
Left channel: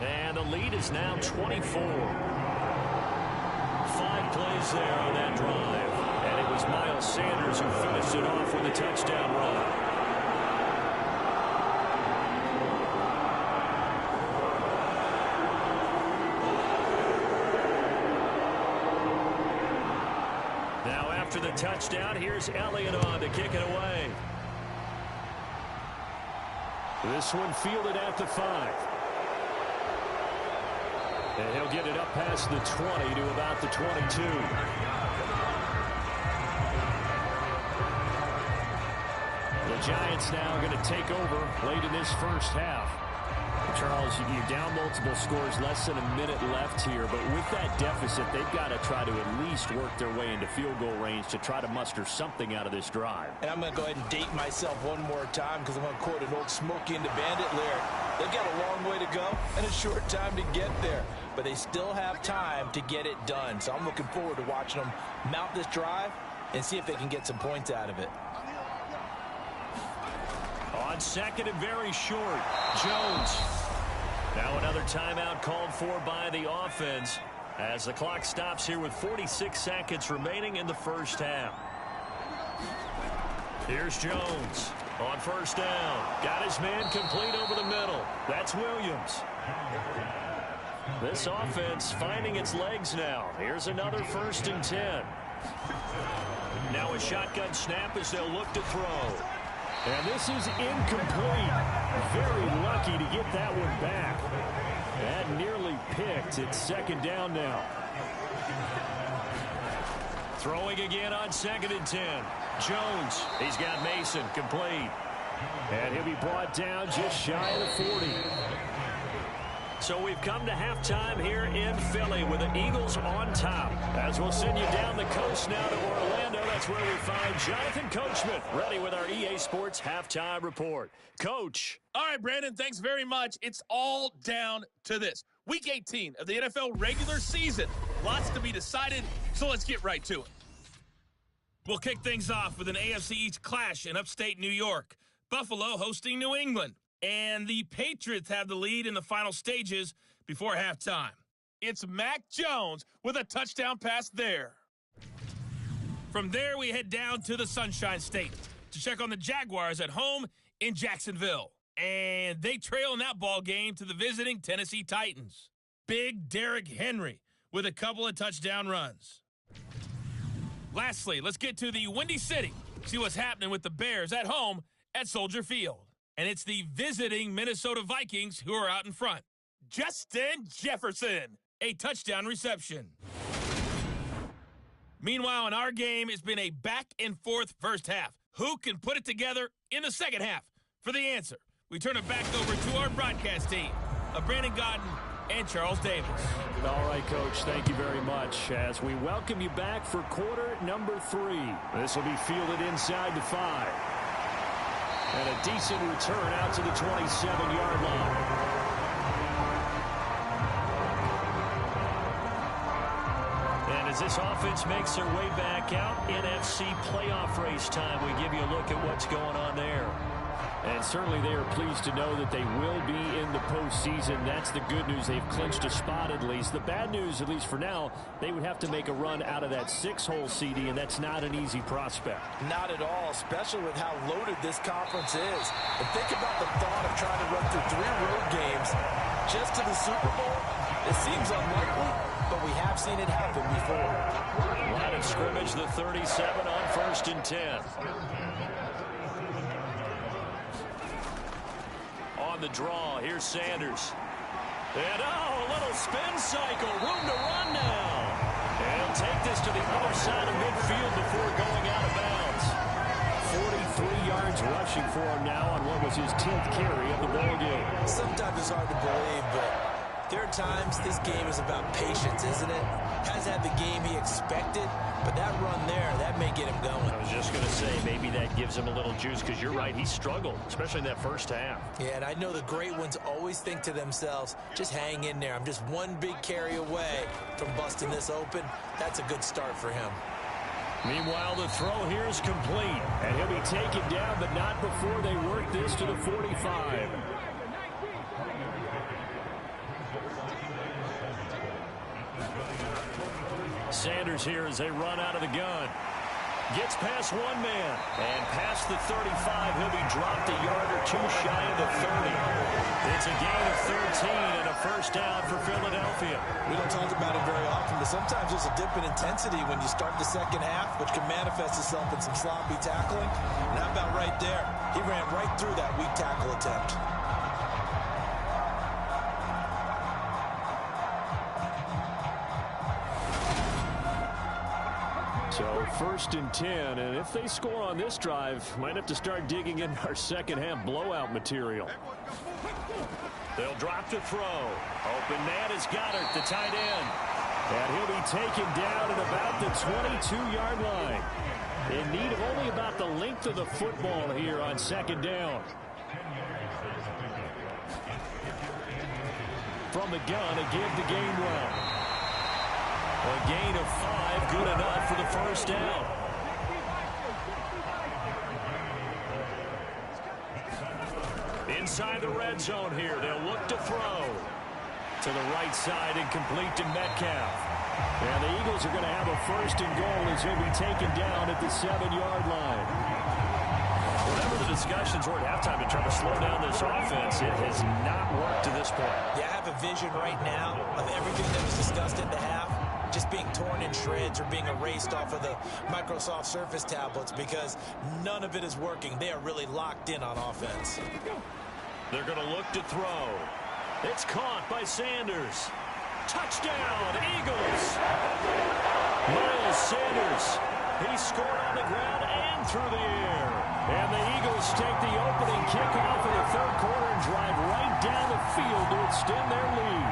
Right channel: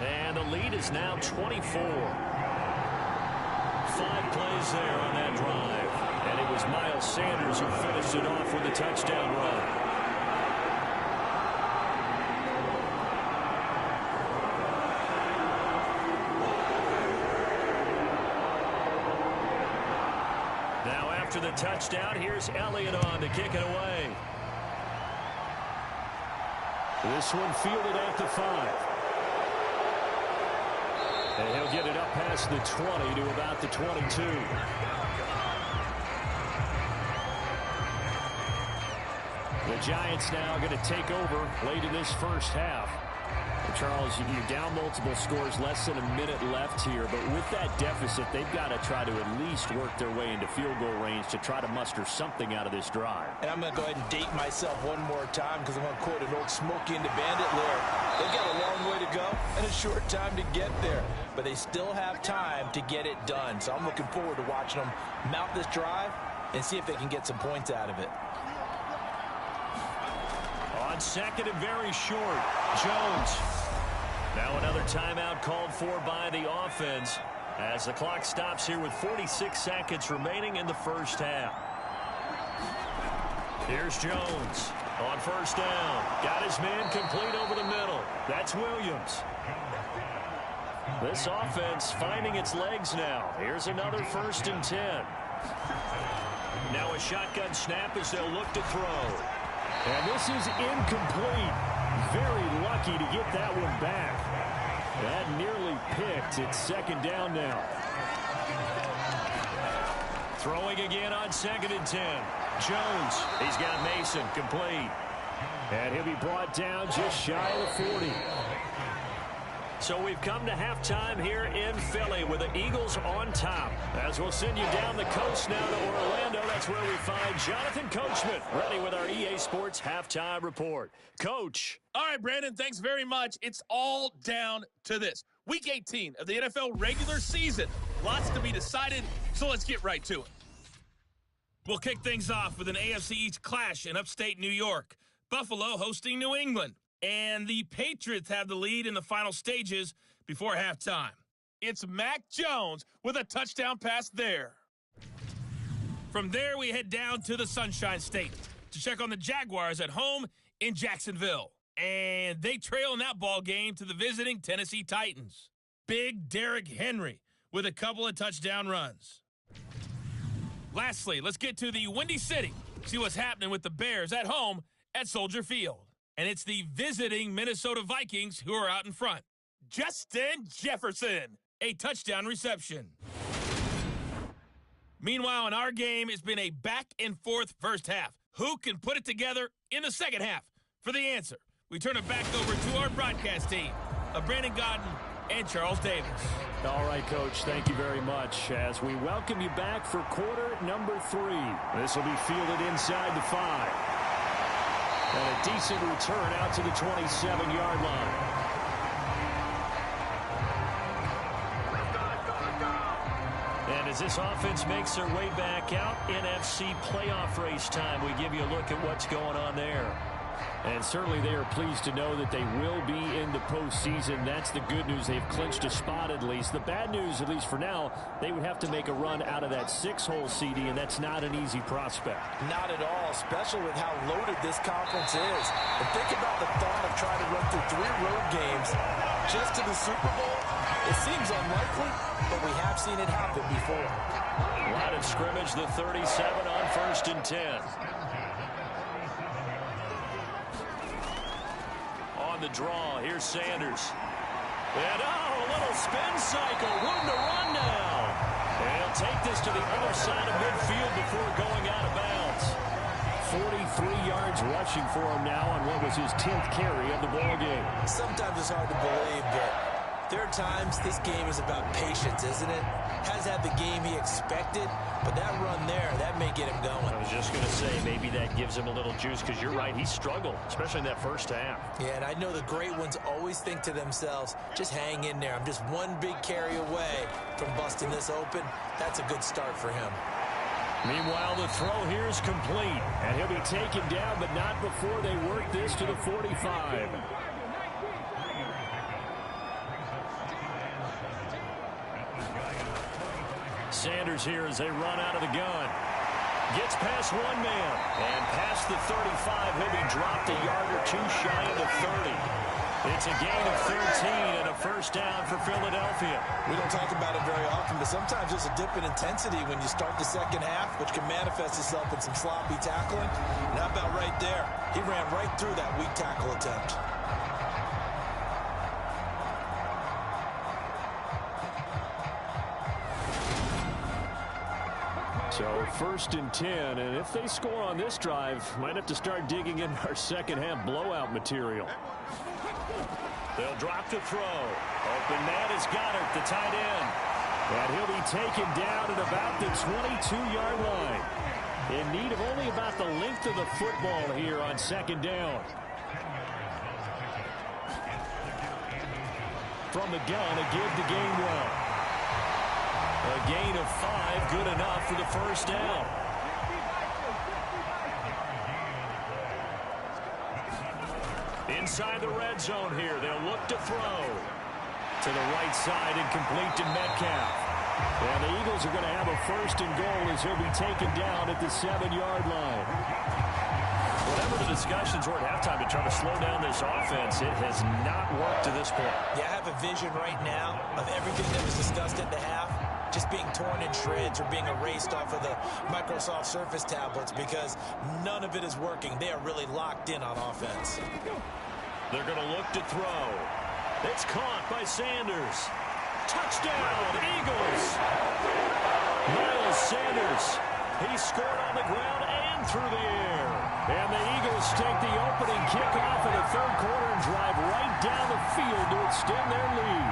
And the lead is now 24. 5 plays there on that drive. And it was Miles Sanders who finished it off with a touchdown run. Now after the touchdown, here's Elliott on to kick it away. This one fielded at the 5. And he'll get it up past the 20 to about the 22. The Giants now going to take over late in this first half. Charles, you're down multiple scores, less than a minute left here, but with that deficit, they've got to try to at least work their way into field goal range to try to muster something out of this drive. And I'm going to go ahead and date myself one more time because I'm going to quote an old Smokey and the Bandit lyric. They've got a long way to go and a short time to get there, but they still have time to get it done. So I'm looking forward to watching them mount this drive and see if they can get some points out of it. On second and very short, Jones. Now another timeout called for by the offense as the clock stops here with 46 seconds remaining in the first half. Here's Jones on first down. Got his man complete over the middle. That's Williams. This offense finding its legs now. Here's another 1st and 10. Now a shotgun snap as they'll look to throw. And this is incomplete. Very lucky to get that one back. That nearly picked. It's 2nd down now. Throwing again on 2nd and 10. Jones. He's got Mason complete. And he'll be brought down just shy of the 40. So we've come to halftime here in Philly with the Eagles on top. As we'll send you down the coast now to Orlando, that's where we find Jonathan Coachman ready with our EA Sports halftime report. Coach. All right, Brandon, thanks very much. It's all down to this. Week 18 of the NFL regular season. Lots to be decided, so let's get right to it. We'll kick things off with an AFC East clash in upstate New York. Buffalo hosting New England. And the Patriots have the lead in the final stages before halftime. It's Mac Jones with a touchdown pass there. From there, we head down to the Sunshine State to check on the Jaguars at home in Jacksonville. And they trail in that ball game to the visiting Tennessee Titans. Big Derrick Henry with a couple of touchdown runs. Lastly, let's get to the Windy City. See what's happening with the Bears at home at Soldier Field. And it's the visiting Minnesota Vikings who are out in front. Justin Jefferson, a touchdown reception. Meanwhile, in our game, it's been a back-and-forth first half. Who can put it together in the second half? For the answer, we turn it back over to our broadcast team of Brandon Godden and Charles Davis. All right, Coach, thank you very much. As we welcome you back for quarter number 3. This will be fielded inside the 5. And a decent return out to the 27-yard line. And as this offense makes their way back out, NFC playoff race time, we give you a look at what's going on there. And certainly they are pleased to know that they will be in the postseason. That's the good news. They've clinched a spot at least. The bad news, at least for now, they would have to make a run out of that 6-hole CD, and that's not an easy prospect. Not at all, especially with how loaded this conference is. And think about the thought of trying to run through 3 road games just to the Super Bowl. It seems unlikely, but we have seen it happen before. Line of scrimmage, the 37 on 1st and 10. On the draw, here's Sanders. And a little spin cycle, room to run now. And he'll take this to the other side of midfield before going out of bounds. 43 yards rushing for him now on what was his 10th carry of the ball game. Sometimes it's hard to believe, but there are times this game is about patience, isn't it? Has had the game he expected, but that run there, that may get him going. I was just going to say, maybe that gives him a little juice, because you're right, he struggled, especially in that first half. Yeah, and I know the great ones always think to themselves, just hang in there. I'm just one big carry away from busting this open. That's a good start for him. Meanwhile, the throw here is complete. And he'll be taken down, but not before they work this to the 45. Sanders here as they run out of the gun. Gets past one man. And past the 35, he'll be dropped a yard or two shy of the 30. It's a gain of 13 and a first down for Philadelphia. We don't talk about it very often, but sometimes there's a dip in intensity when you start the second half, which can manifest itself in some sloppy tackling. And how about right there? He ran right through that weak tackle attempt. So 1st and 10, and if they score on this drive, might have to start digging in our second half blowout material. They'll drop to throw. Open man is Goddard, the tight end. And he'll be taken down at about the 22-yard line. In need of only about the length of the football here on second down. From the gun, a give to Gainwell. A gain of 5, good enough for the first down. Inside the red zone here, they'll look to throw. To the right side and complete to Metcalf. And the Eagles are going to have a first and goal as he'll be taken down at the 7-yard line. Whatever the discussions were at halftime to try to slow down this offense, it has not worked to this point. Yeah, I have a vision right now of everything that was discussed at the half just being torn in shreds or being erased off of the Microsoft Surface tablets because none of it is working. They are really locked in on offense. They're going to look to throw. It's caught by Sanders. Touchdown, Eagles. Miles Sanders. He scored on the ground and through the air. And the Eagles take the opening kickoff in the third quarter and drive right down the field to extend their lead.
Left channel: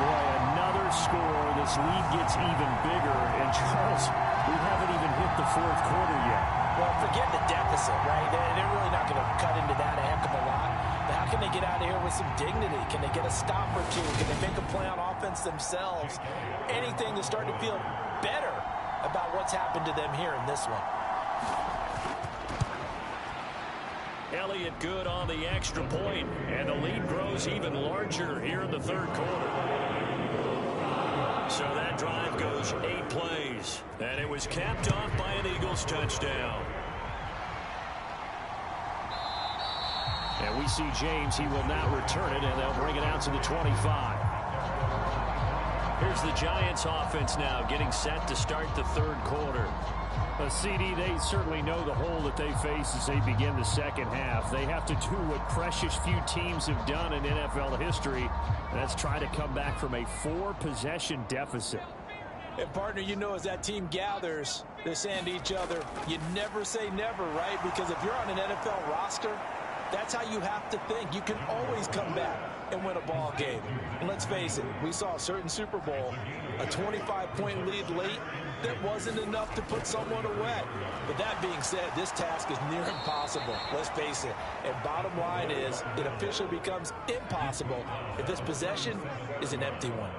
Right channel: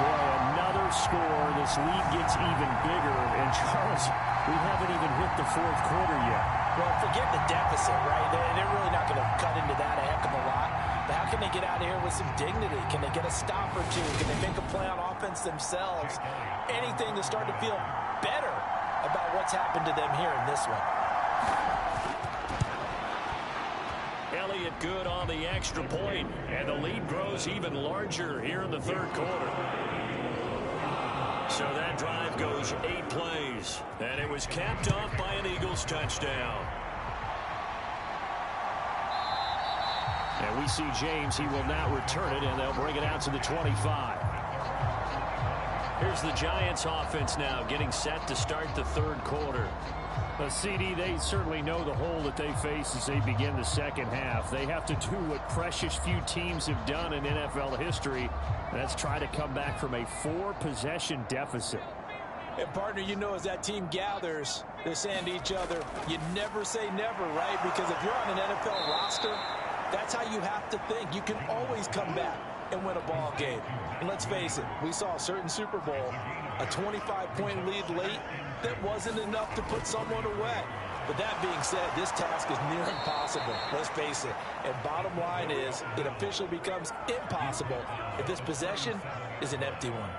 Boy, another score. This lead gets even bigger. And, Charles, we haven't even hit the fourth quarter yet. Well, forget the deficit, right? They're really not going to cut into that a heck of a lot. But how can they get out of here with some dignity? Can they get a stop or two? Can they make a play on offense themselves? Anything to start to feel better about what's happened to them here in this one. Elliott good on the extra point, and the lead grows even larger here in the third quarter. So that drive goes 8 plays, and it was capped off by an Eagles touchdown. And we see James. He will not return it, and they'll bring it out to the 25. Here's the Giants offense now getting set to start the third quarter. CD, they certainly know the hole that they face as they begin the second half. They have to do what precious few teams have done in NFL history. That's try to come back from a 4-possession deficit. And, partner, you know, as that team gathers, they're saying to each other, you never say never, right? Because if you're on an NFL roster, that's how you have to think. You can always come back and win a ball game. And let's face it, we saw a certain Super Bowl, a 25-point lead late, that wasn't enough to put someone away. But that being said, this task is near impossible. Let's face it. And bottom line is, it officially becomes impossible if this possession is an empty one.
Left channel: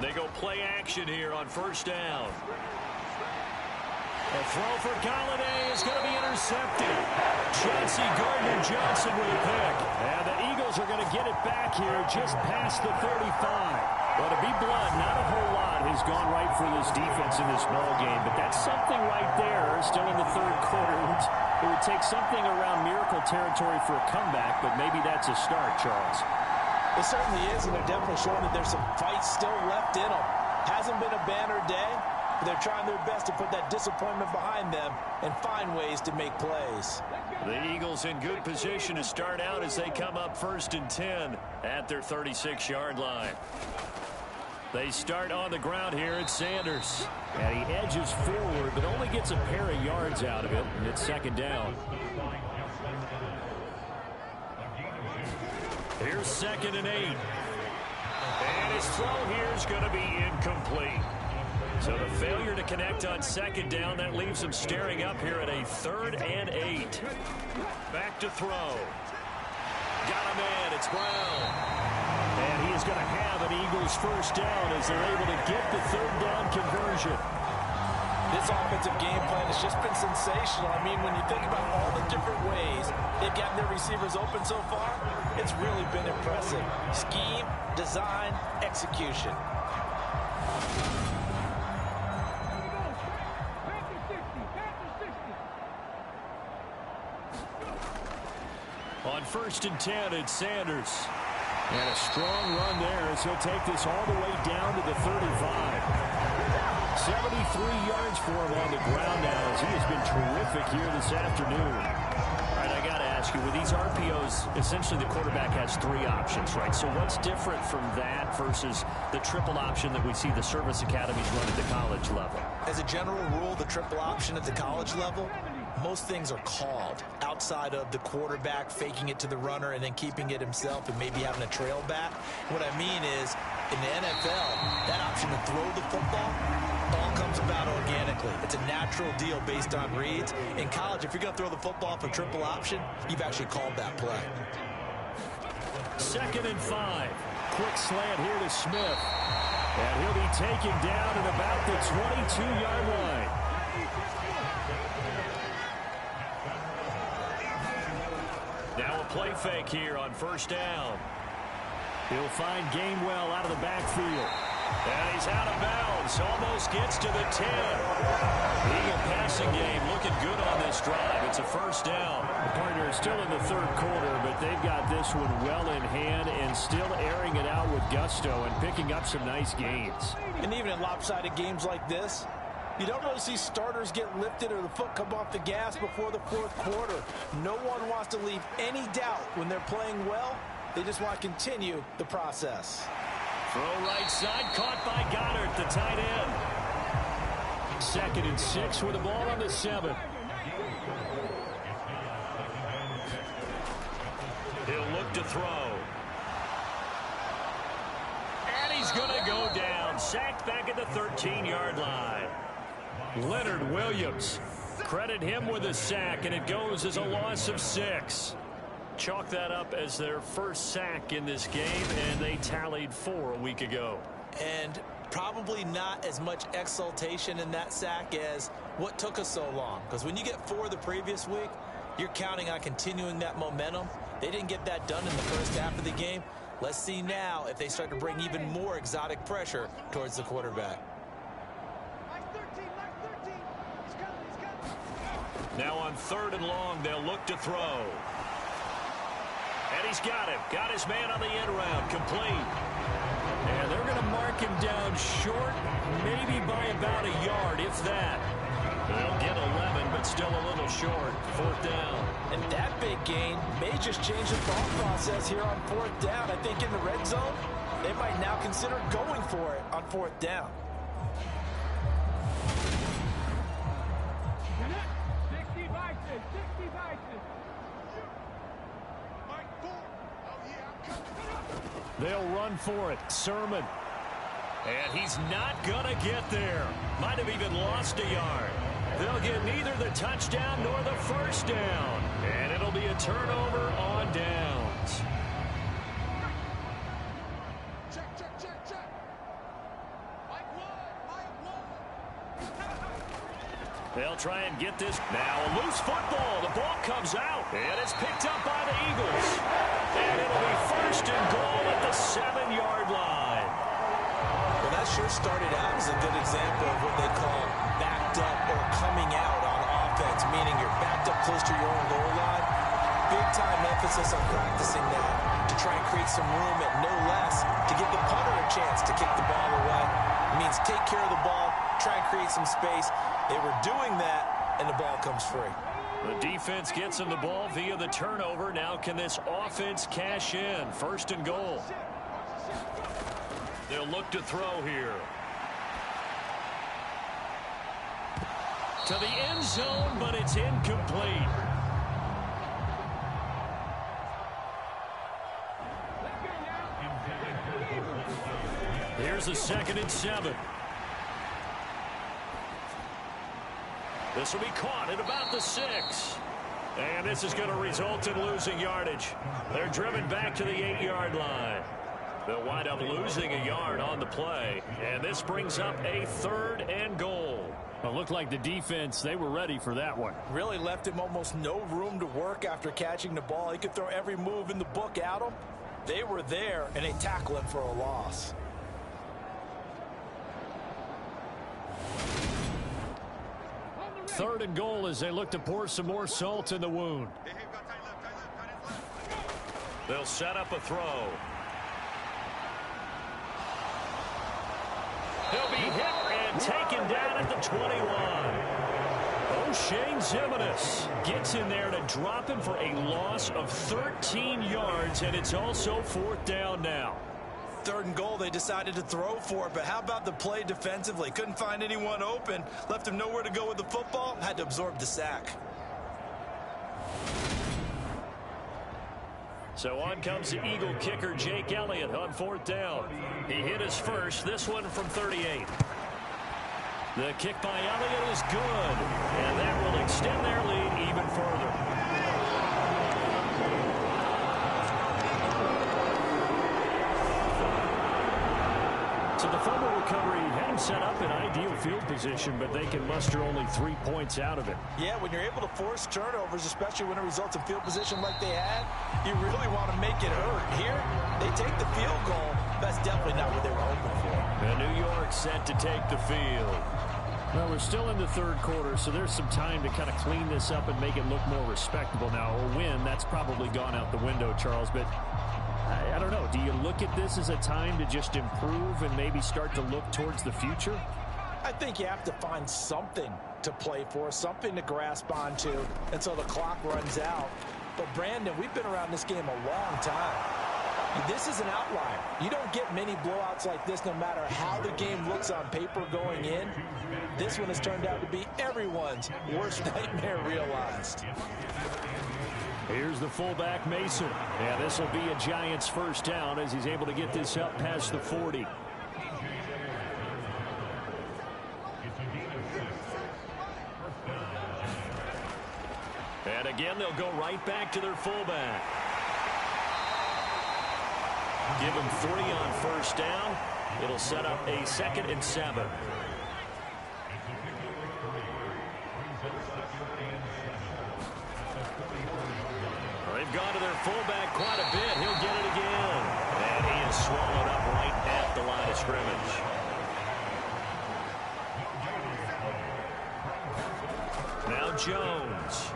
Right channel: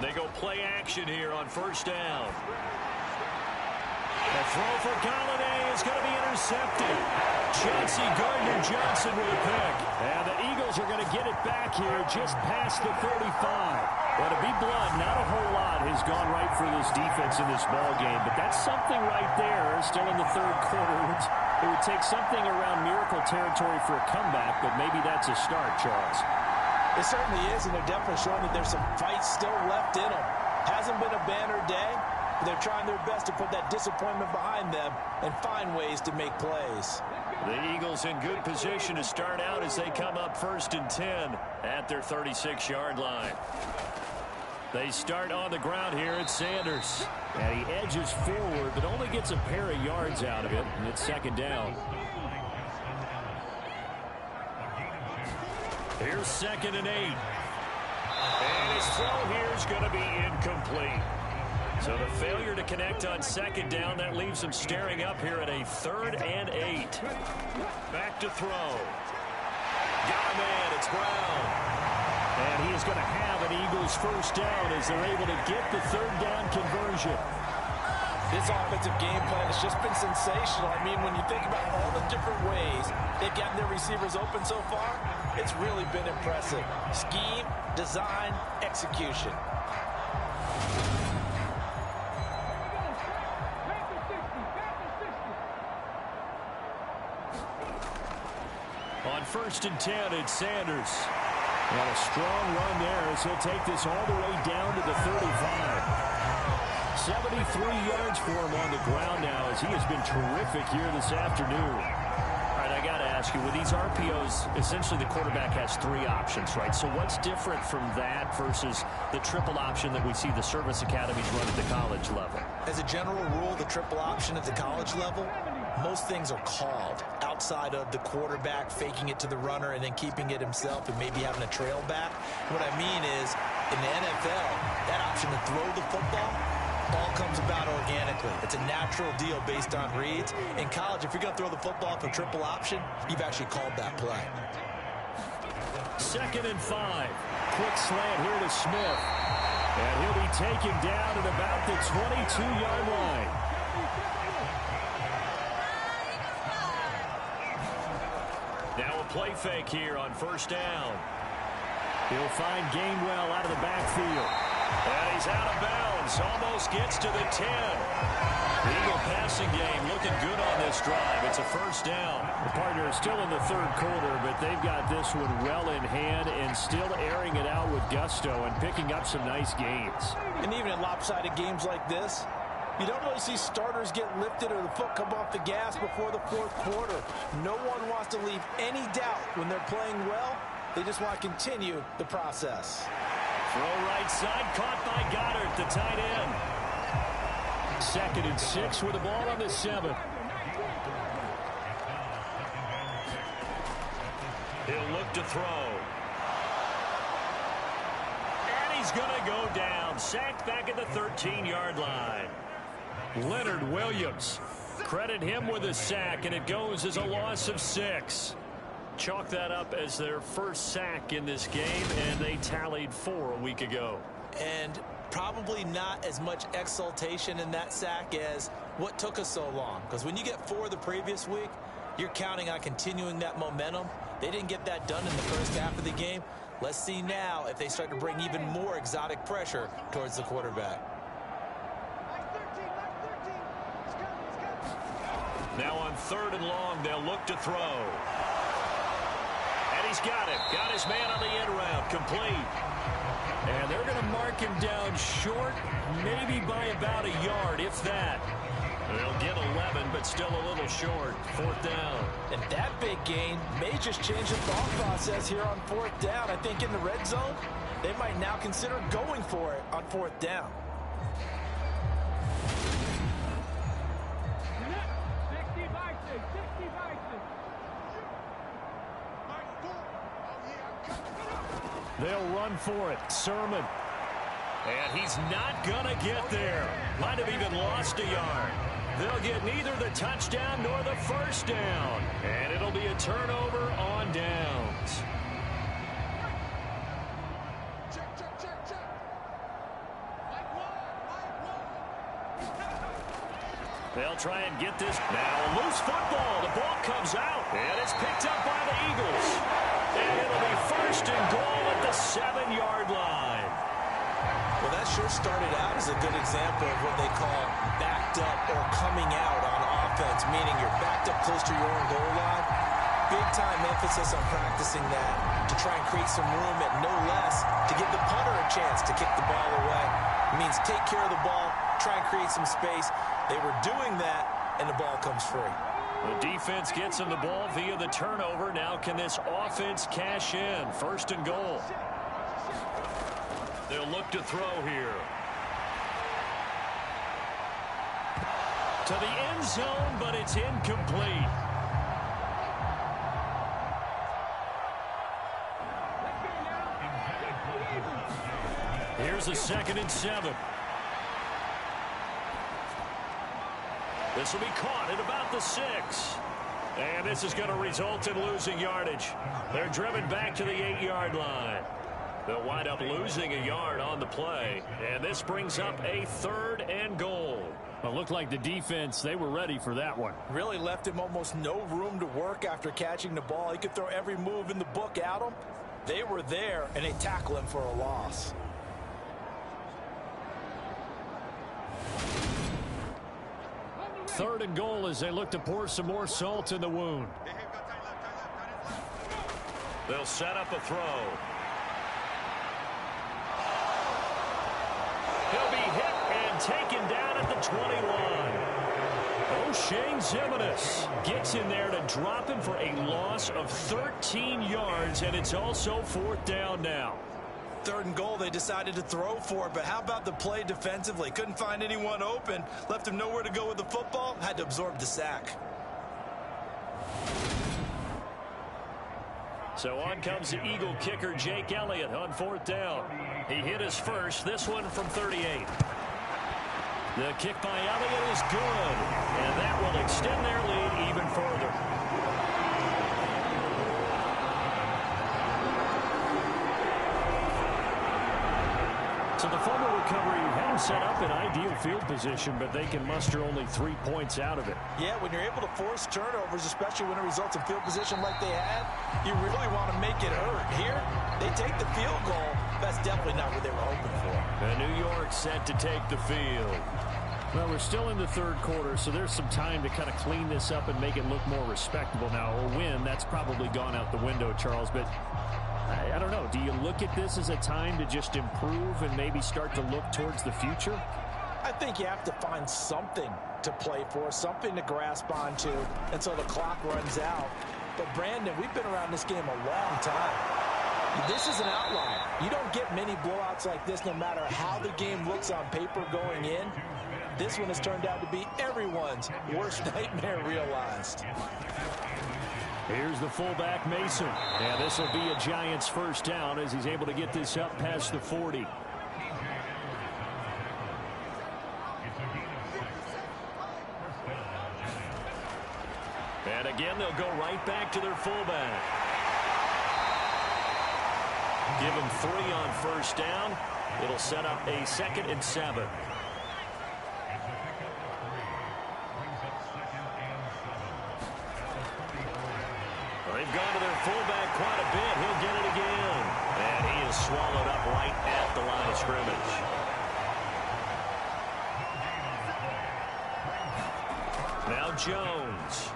They go play action here on first down. The throw for Galladay is going to be intercepted. Chauncey Gardner-Johnson with a pick. And the Eagles are going to get it back here just past the 35. But to be blunt, not a whole lot has gone right for this defense in this ball game. But that's something right there still in the third quarter. It would take something around miracle territory for a comeback, but maybe that's a start, Charles. It certainly is, and they're definitely showing that there's some fights still left in them. Hasn't been a banner day. They're trying their best to put that disappointment behind them and find ways to make plays. The Eagles in good position to start out as they come up 1st and 10 at their 36-yard line. They start on the ground here at Sanders. And he edges forward, but only gets a pair of yards out of it, and it's second down. Here's 2nd and 8. And his throw here is going to be incomplete. So the failure to connect on second down, that leaves him staring up here at a 3rd and 8. Back to throw. Got a man, it's Brown. And he is going to have an Eagles first down as they're able to get the 3rd down conversion. This offensive game plan has just been sensational. I mean, when you think about all the different ways they've gotten their receivers open so far, it's really been impressive. Scheme, design, execution. On 1st and 10, it's Sanders. And a strong run there as he'll take this all the way down to the 35. 73 yards for him on the ground now as he has been terrific here this afternoon. All right, I got to ask you, with these RPOs, essentially the quarterback has 3 options, right? So what's different from that versus the triple option that we see the service academies run at the college level? As a general rule, the triple option at the college level most things are called outside of the quarterback faking it to the runner and then keeping it himself and maybe having a trail back. What I mean is, in the NFL, that option to throw the football all comes about organically. It's a natural deal based on reads. In college, if you're going to throw the football for triple option, you've actually called that play. 2nd and 5. Quick slant here to Smith. And he'll be taken down at about the 22-yard line. Now a play fake here on 1st down. He'll find Gainwell out of the backfield. And he's out of bounds. Almost gets to the 10. The Eagle passing game looking good on this drive. It's a 1st down. The partner is still in the 3rd quarter, but they've got this one well in hand and still airing it out with gusto and picking up some nice gains. And even in lopsided games like this, you don't really see starters get lifted or the foot come off the gas before the 4th quarter. No one wants to leave any doubt when they're playing well. They just want to continue the process. Throw right side, caught by Goddard, the tight end. 2nd and 6 with the ball on the 7. He'll look to throw. And he's going to go down. Sacked back at the 13-yard line. Leonard Williams. Credit him with a sack, and it goes as a loss of 6. Chalk that up as their first sack in this game, and they tallied 4 a week ago. And probably not as much exultation in that sack as what took us so long. Because when you get 4 the previous week, you're counting on continuing that momentum. They didn't get that done in the first half of the game. Let's see now if they start to bring even more exotic pressure towards the quarterback. Now on 3rd and long, they'll look to throw. And he's got him. Got his man on the end round. Complete. And they're going to mark him down short, maybe by about a yard, if that. They'll get 11, but still a little short. 4th down. And that big gain may just change the thought process here on 4th down. I think in the red zone, they might now consider going for it on 4th down. They'll run for it. Sermon. And he's not going to get there. Might have even lost a yard. They'll get neither the touchdown nor the 1st down. And it'll be a turnover on downs. Check. Mike one. They'll try and get this. Now a loose football. The ball comes out. And it's picked up by the Eagles. And it'll be 1st and goal at the 7-yard line. Well, that sure started out as a good example of what they call backed up or coming out on offense, meaning you're backed up close to your own goal line. Big-time emphasis on practicing that to try and create some room at no less to give the punter a chance to kick the ball away. It means take care of the ball, try and create some space. They were doing that, and the ball comes free. The defense gets him the ball via the turnover. Now can this offense cash in? 1st and goal. They'll look to throw here. To the end zone, but it's incomplete. Here's a 2nd and 7. This will be caught at about the 6. And this is going to result in losing yardage. They're driven back to the 8-yard line. They'll wind up losing a yard on the play. And this brings up a 3rd and goal. Well, it looked like the defense, they were ready for that one. Really left him almost no room to work after catching the ball. He could throw every move in the book at him. They were there, and they tackle him for a loss. Third and goal as they look to pour some more salt in the wound. They'll set up a throw. He'll be hit and taken down at the 21. O'Shane Ximines gets in there to drop him for a loss of 13 yards, and it's also 4th down now. Third and goal, they decided to throw for it, but how about the play defensively? Couldn't find anyone open, left him nowhere to go with the football, had to absorb the sack. So on comes the Eagle kicker, Jake Elliott, on 4th down. He hit his first, this one from 38. The kick by Elliott is good, and that will extend their lead even further. So the fumble recovery had him set up in ideal field position, but they can muster only 3 points out of it. Yeah, when you're able to force turnovers, especially when it results in field position like they had, you really want to make it hurt. Here, they take the field goal. That's definitely not what they were hoping for. And New York set to take the field. Well, we're still in the third quarter, so there's some time to kind of clean this up and make it look more respectable. Now, a win, that's probably gone out the window, Charles, but I don't know. Do you look at this as a time to just improve and maybe start to look towards the future? I think you have to find something to play for, something to grasp onto until the clock runs out. But, Brandon, we've been around this game a long time. This is an outlier. You don't get many blowouts like this no matter how the game looks on paper going in. This one has turned out to be everyone's worst nightmare realized. Here's the fullback, Mason. Yeah, this will be a Giants first down as he's able to get this up past the 40. And again, they'll go right back to their fullback. Give him 3 on first down. It'll set up a 2nd and 7. They've gone to their fullback quite a bit. He'll get it again. And he is swallowed up right at the line of scrimmage. Now Jones.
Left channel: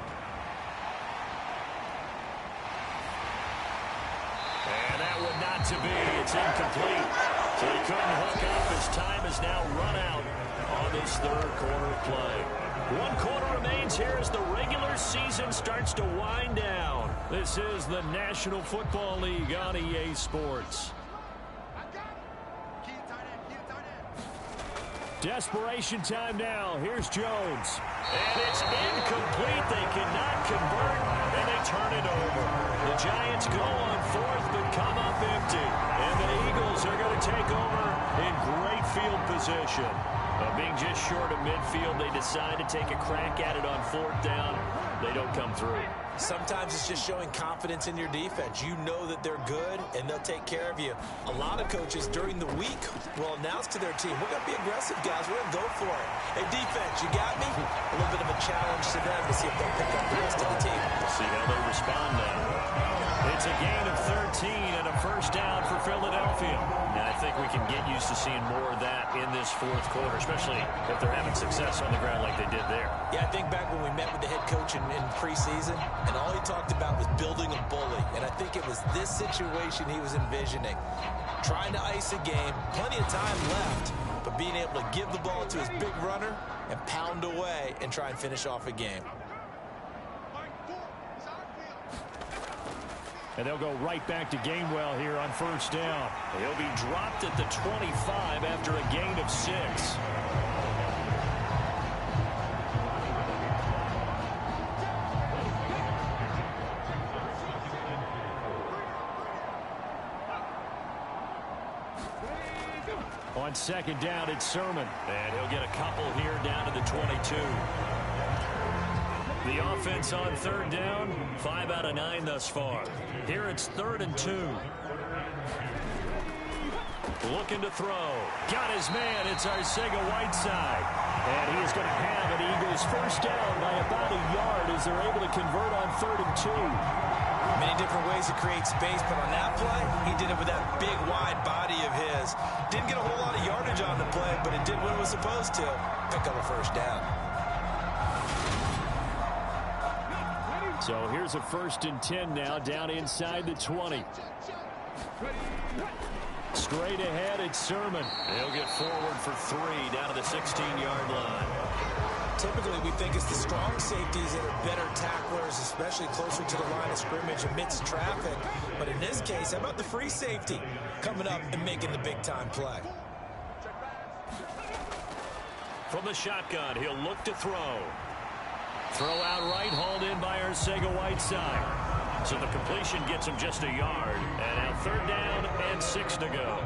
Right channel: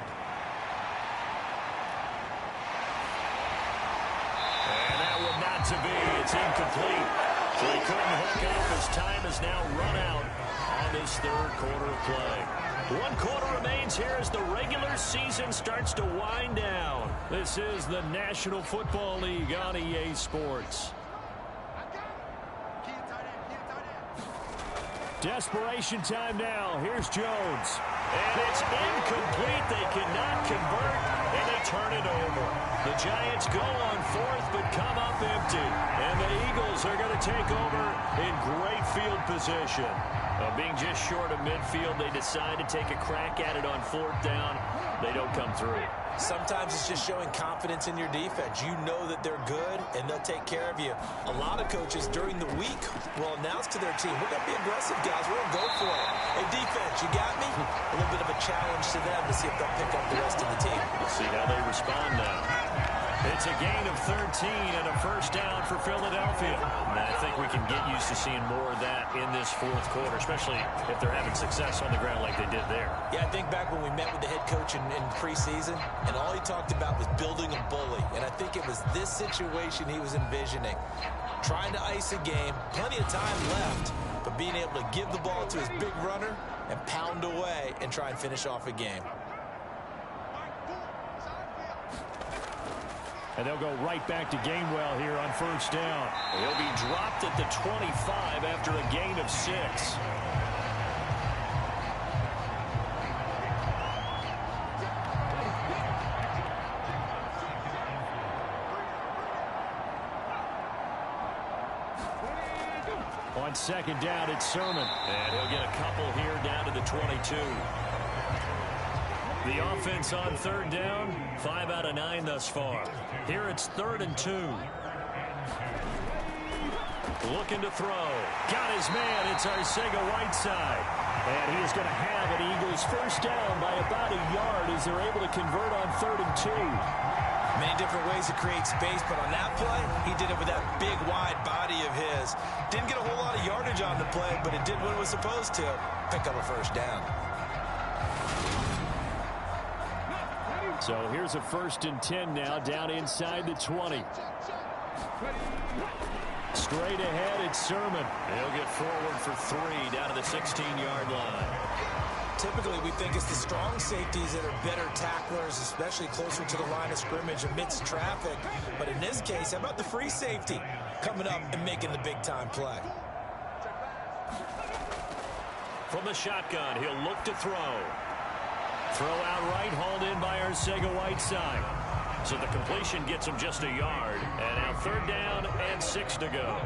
And that would not to be. It's incomplete. So he couldn't hook up. His time is now run out on this third quarter of play. 1 quarter remains here as the regular season starts to wind down. This is the National Football League on EA Sports. Desperation time now. Here's Jones. And it's incomplete. They cannot convert, and they turn it over. The Giants go on 4th, but come up empty. And the Eagles are going to take over in great field position. Being just short of midfield, they decide to take a crack at it on 4th down. They don't come through. Sometimes it's just showing confidence in your defense. You know that they're good, and they'll take care of you. A lot of coaches during the week will announce to their team, we're going to be aggressive, guys. We're going to go for it. Hey, defense, you got me? A little bit of a challenge to them to see if they'll pick up the rest of the team. We'll see how they respond now. It's a gain of 13 and a first down for Philadelphia. And I think we can get used to seeing more of that in this 4th quarter, especially if they're having success on the ground like they did there. Yeah, I think back when we met with the head coach in preseason, and all he talked about was building a bully. And I think it was this situation he was envisioning. Trying to ice a game, plenty of time left, but being able to give the ball to his big runner and pound away and try and finish off a game. And they'll go right back to Gainwell here on first down. He'll be dropped at the 25 after a gain of 6. On 2nd down, it's Sermon. And he'll get a couple here down to the 22. The offense on 3rd down, 5 out of 9 thus far. Here it's 3rd and 2. Looking to throw. Got his man. It's Arcega-Whiteside. And he is going to have an Eagles first down by about a yard as they're able to convert on 3rd and 2. Many different ways to create space, but on that play, he did it with that big, wide body of his. Didn't get a whole lot of yardage on the play, but it did what it was supposed to. Pick up a first down. So here's a 1st and 10 now, down inside the 20. Straight ahead, it's Sermon. He'll get forward for 3 down to the 16-yard line. Typically, we think it's the strong safeties that are better tacklers, especially closer to the line of scrimmage amidst traffic. But in this case, how about the free safety coming up and making the big-time play? From the shotgun, he'll look to throw. Throw out right, hauled in by Arcega-Whiteside. So the completion gets him just a yard. And now 3rd down and 6 to go.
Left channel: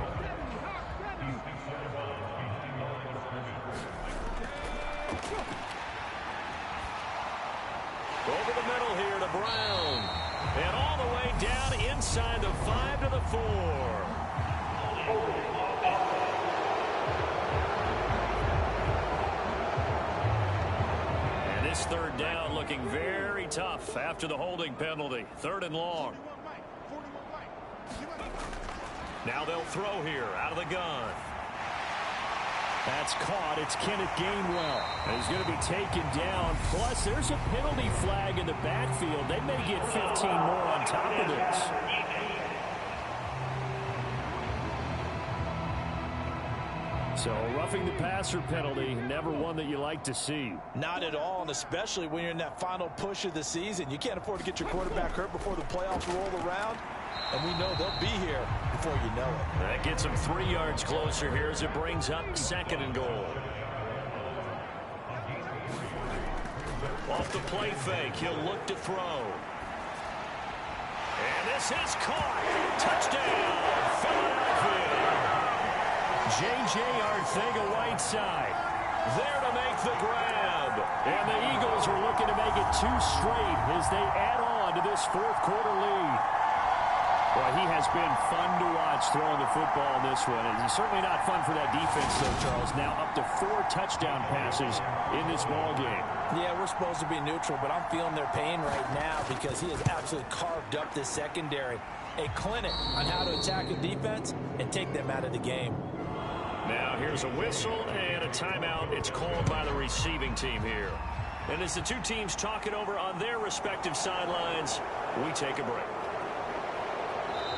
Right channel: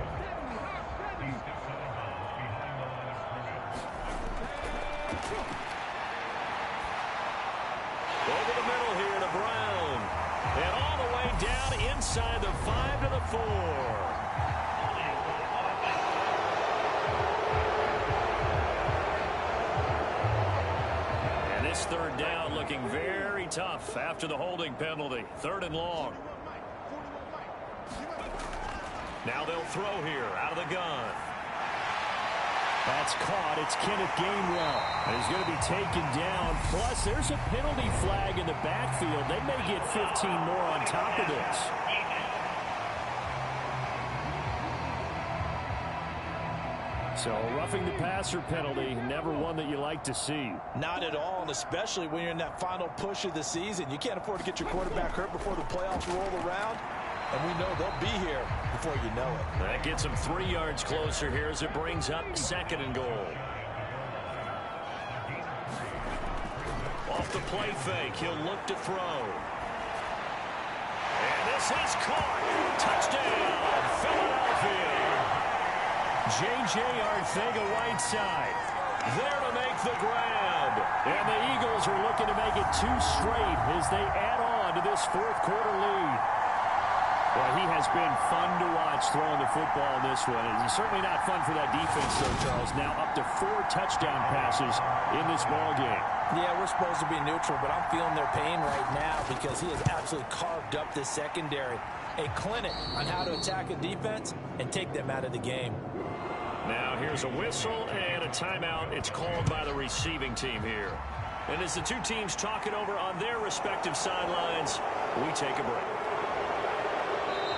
Over the middle here to Brown. And all the way down inside the 5 to the 4. And this 3rd down looking very tough after the holding penalty. 3rd and long. Now they'll throw here out of the gun. That's caught. It's Kenneth Gainwell. And he's going to be taken down. Plus, there's a penalty flag in the backfield. They may get 15 more on top of this. So, roughing the passer penalty, never one that you like to see. Not at all, and especially when you're in that final push of the season. You can't afford to get your quarterback hurt before the playoffs roll around. And we know they'll be here before you know it. That gets him 3 yards closer here as it brings up 2nd and goal. Off the play fake, he'll look to throw. And this is caught. Touchdown, Philadelphia. J.J. Arcega-Whiteside there to make the grab. And the Eagles are looking to make it 2 straight as they add on to this 4th quarter lead. Boy, he has been fun to watch throwing the football in this one. It's certainly not fun for that defense, though, Charles. Now up to 4 touchdown passes in this ball game. Yeah, we're supposed to be neutral, but I'm feeling their pain right now because he has absolutely carved up this secondary. A clinic on how to attack a defense and take them out of the game. Now here's a whistle and a timeout. It's called by the receiving team here. And as the two teams talk it over on their respective sidelines, we take a break.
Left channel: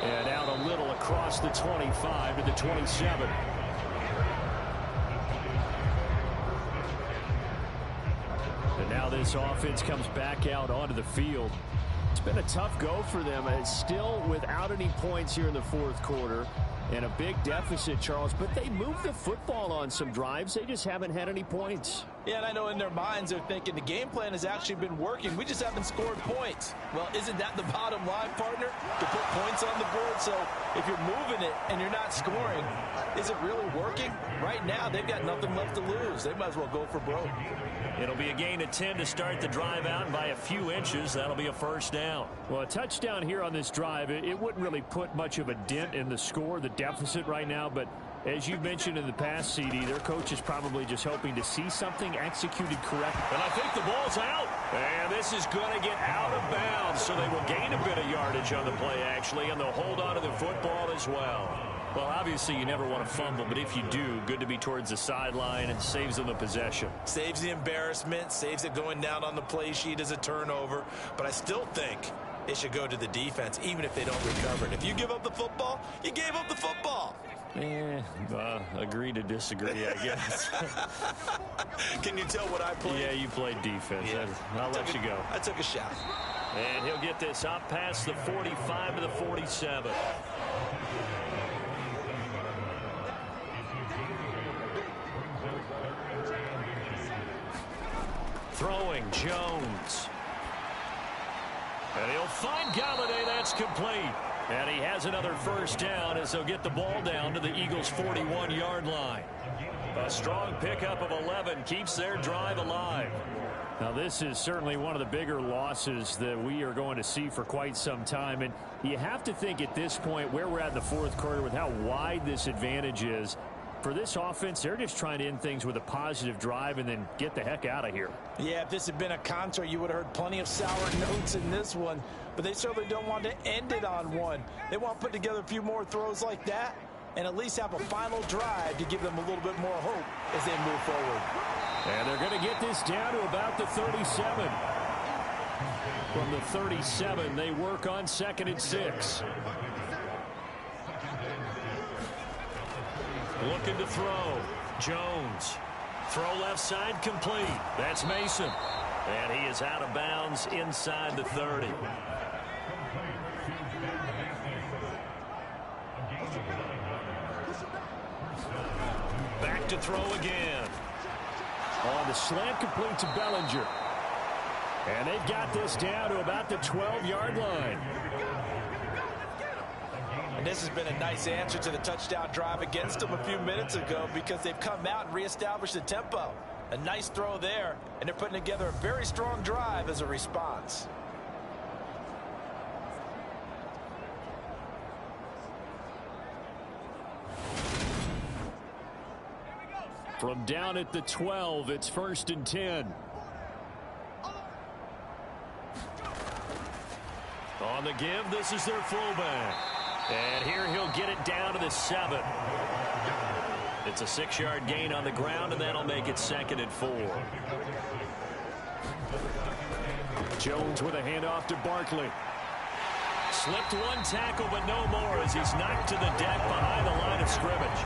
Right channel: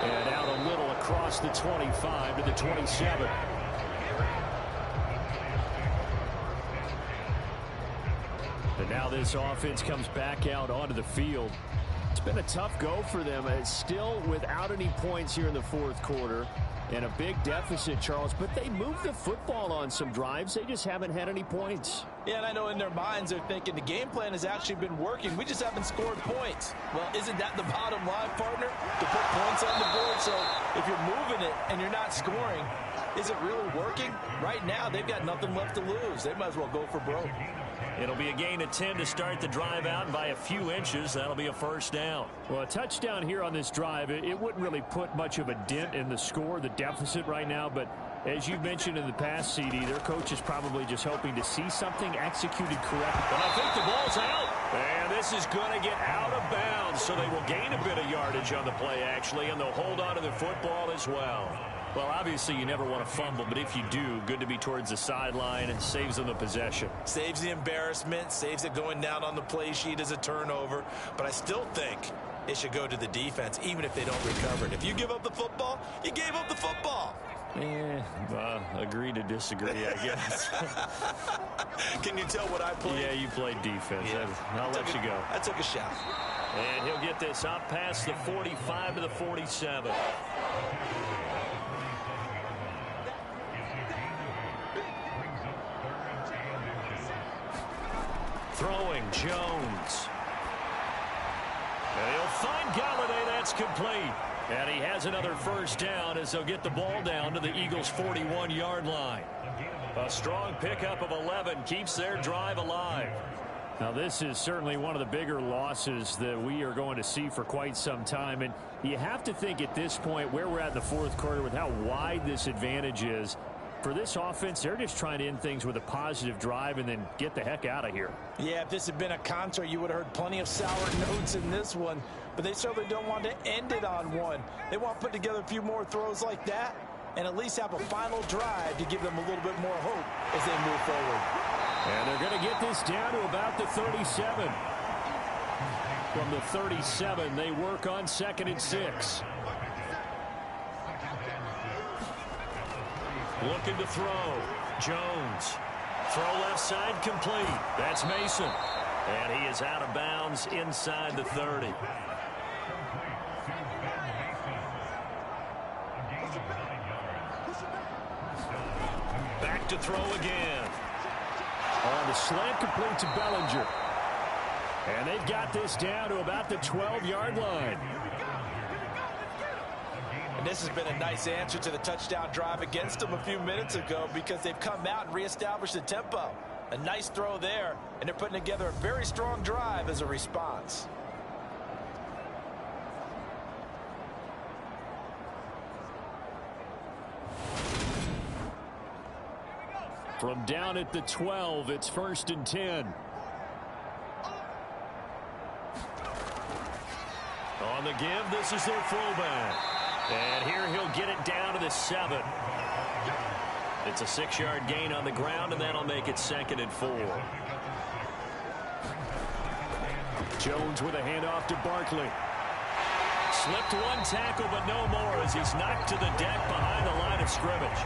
And out a little across the 25 to the 27. And now this offense comes back out onto the field. It's been a tough go for them. It's still without any points here in the 4th quarter. And a big deficit, Charles. But they moved the football on some drives. They just haven't had any points. Yeah, and I know in their minds they're thinking the game plan has actually been working. We just haven't scored points. Well, isn't that the bottom line, partner? To put points on the board. So if you're moving it and you're not scoring, is it really working? Right now, they've got nothing left to lose. They might as well go for broke. It'll be a gain of 10 to start the drive out, and by a few inches, that'll be a 1st down. Well, a touchdown here on this drive, it wouldn't really put much of a dent in the score, the deficit right now, but as you mentioned in the past, CD, their coach is probably just hoping to see something executed correctly. And I think the ball's out. And this is going to get out of bounds, so they will gain a bit of yardage on the play, actually, and they'll hold on to the football as well. Well, obviously, you never want to fumble, but if you do, good to be towards the sideline and saves them the possession. Saves the embarrassment, saves it going down on the play sheet as a turnover. But I still think it should go to the defense, even if they don't recover it. If you give up the football, you gave up the football. Agree to disagree, I guess. Can you tell what I played? Yeah, you played defense. Yeah. I'll let you go. I took a shot. And he'll get this up past the 45 to the 47. Throwing Jones. And he'll find Galladay. That's complete. And he has another 1st down as they'll get the ball down to the Eagles' 41-yard line. A strong pickup of 11 keeps their drive alive. Now, this is certainly one of the bigger losses that we are going to see for quite some time. And you have to think at this point where we're at in the 4th quarter with how wide this advantage is. For this offense, they're just trying to end things with a positive drive and then get the heck out of here. Yeah, if this had been a concert, you would have heard plenty of sour notes in this one. But they certainly don't want to end it on one. They want to put together a few more throws like that and at least have a final drive to give them a little bit more hope as they move forward. And they're going to get this down to about the 37. From the 37, they work on 2nd and 6. Looking to throw. Jones. Throw left side complete. That's Mason. And he is out of bounds inside the 30. Back to throw again. On the slant complete to Bellinger. And they've got this down to about the 12-yard line. And this has been a nice answer to the touchdown drive against them a few minutes ago because they've come out and reestablished the tempo. A nice throw there, and they're putting together a very strong drive as a response. From down at the 12, it's 1st and 10. On the give, this is their fullback. And here he'll get it down to the 7. It's a 6-yard gain on the ground, and that'll make it 2nd and 4. Jones with a handoff to Barkley. Slipped one tackle, but no more as he's knocked to the deck behind the line of scrimmage.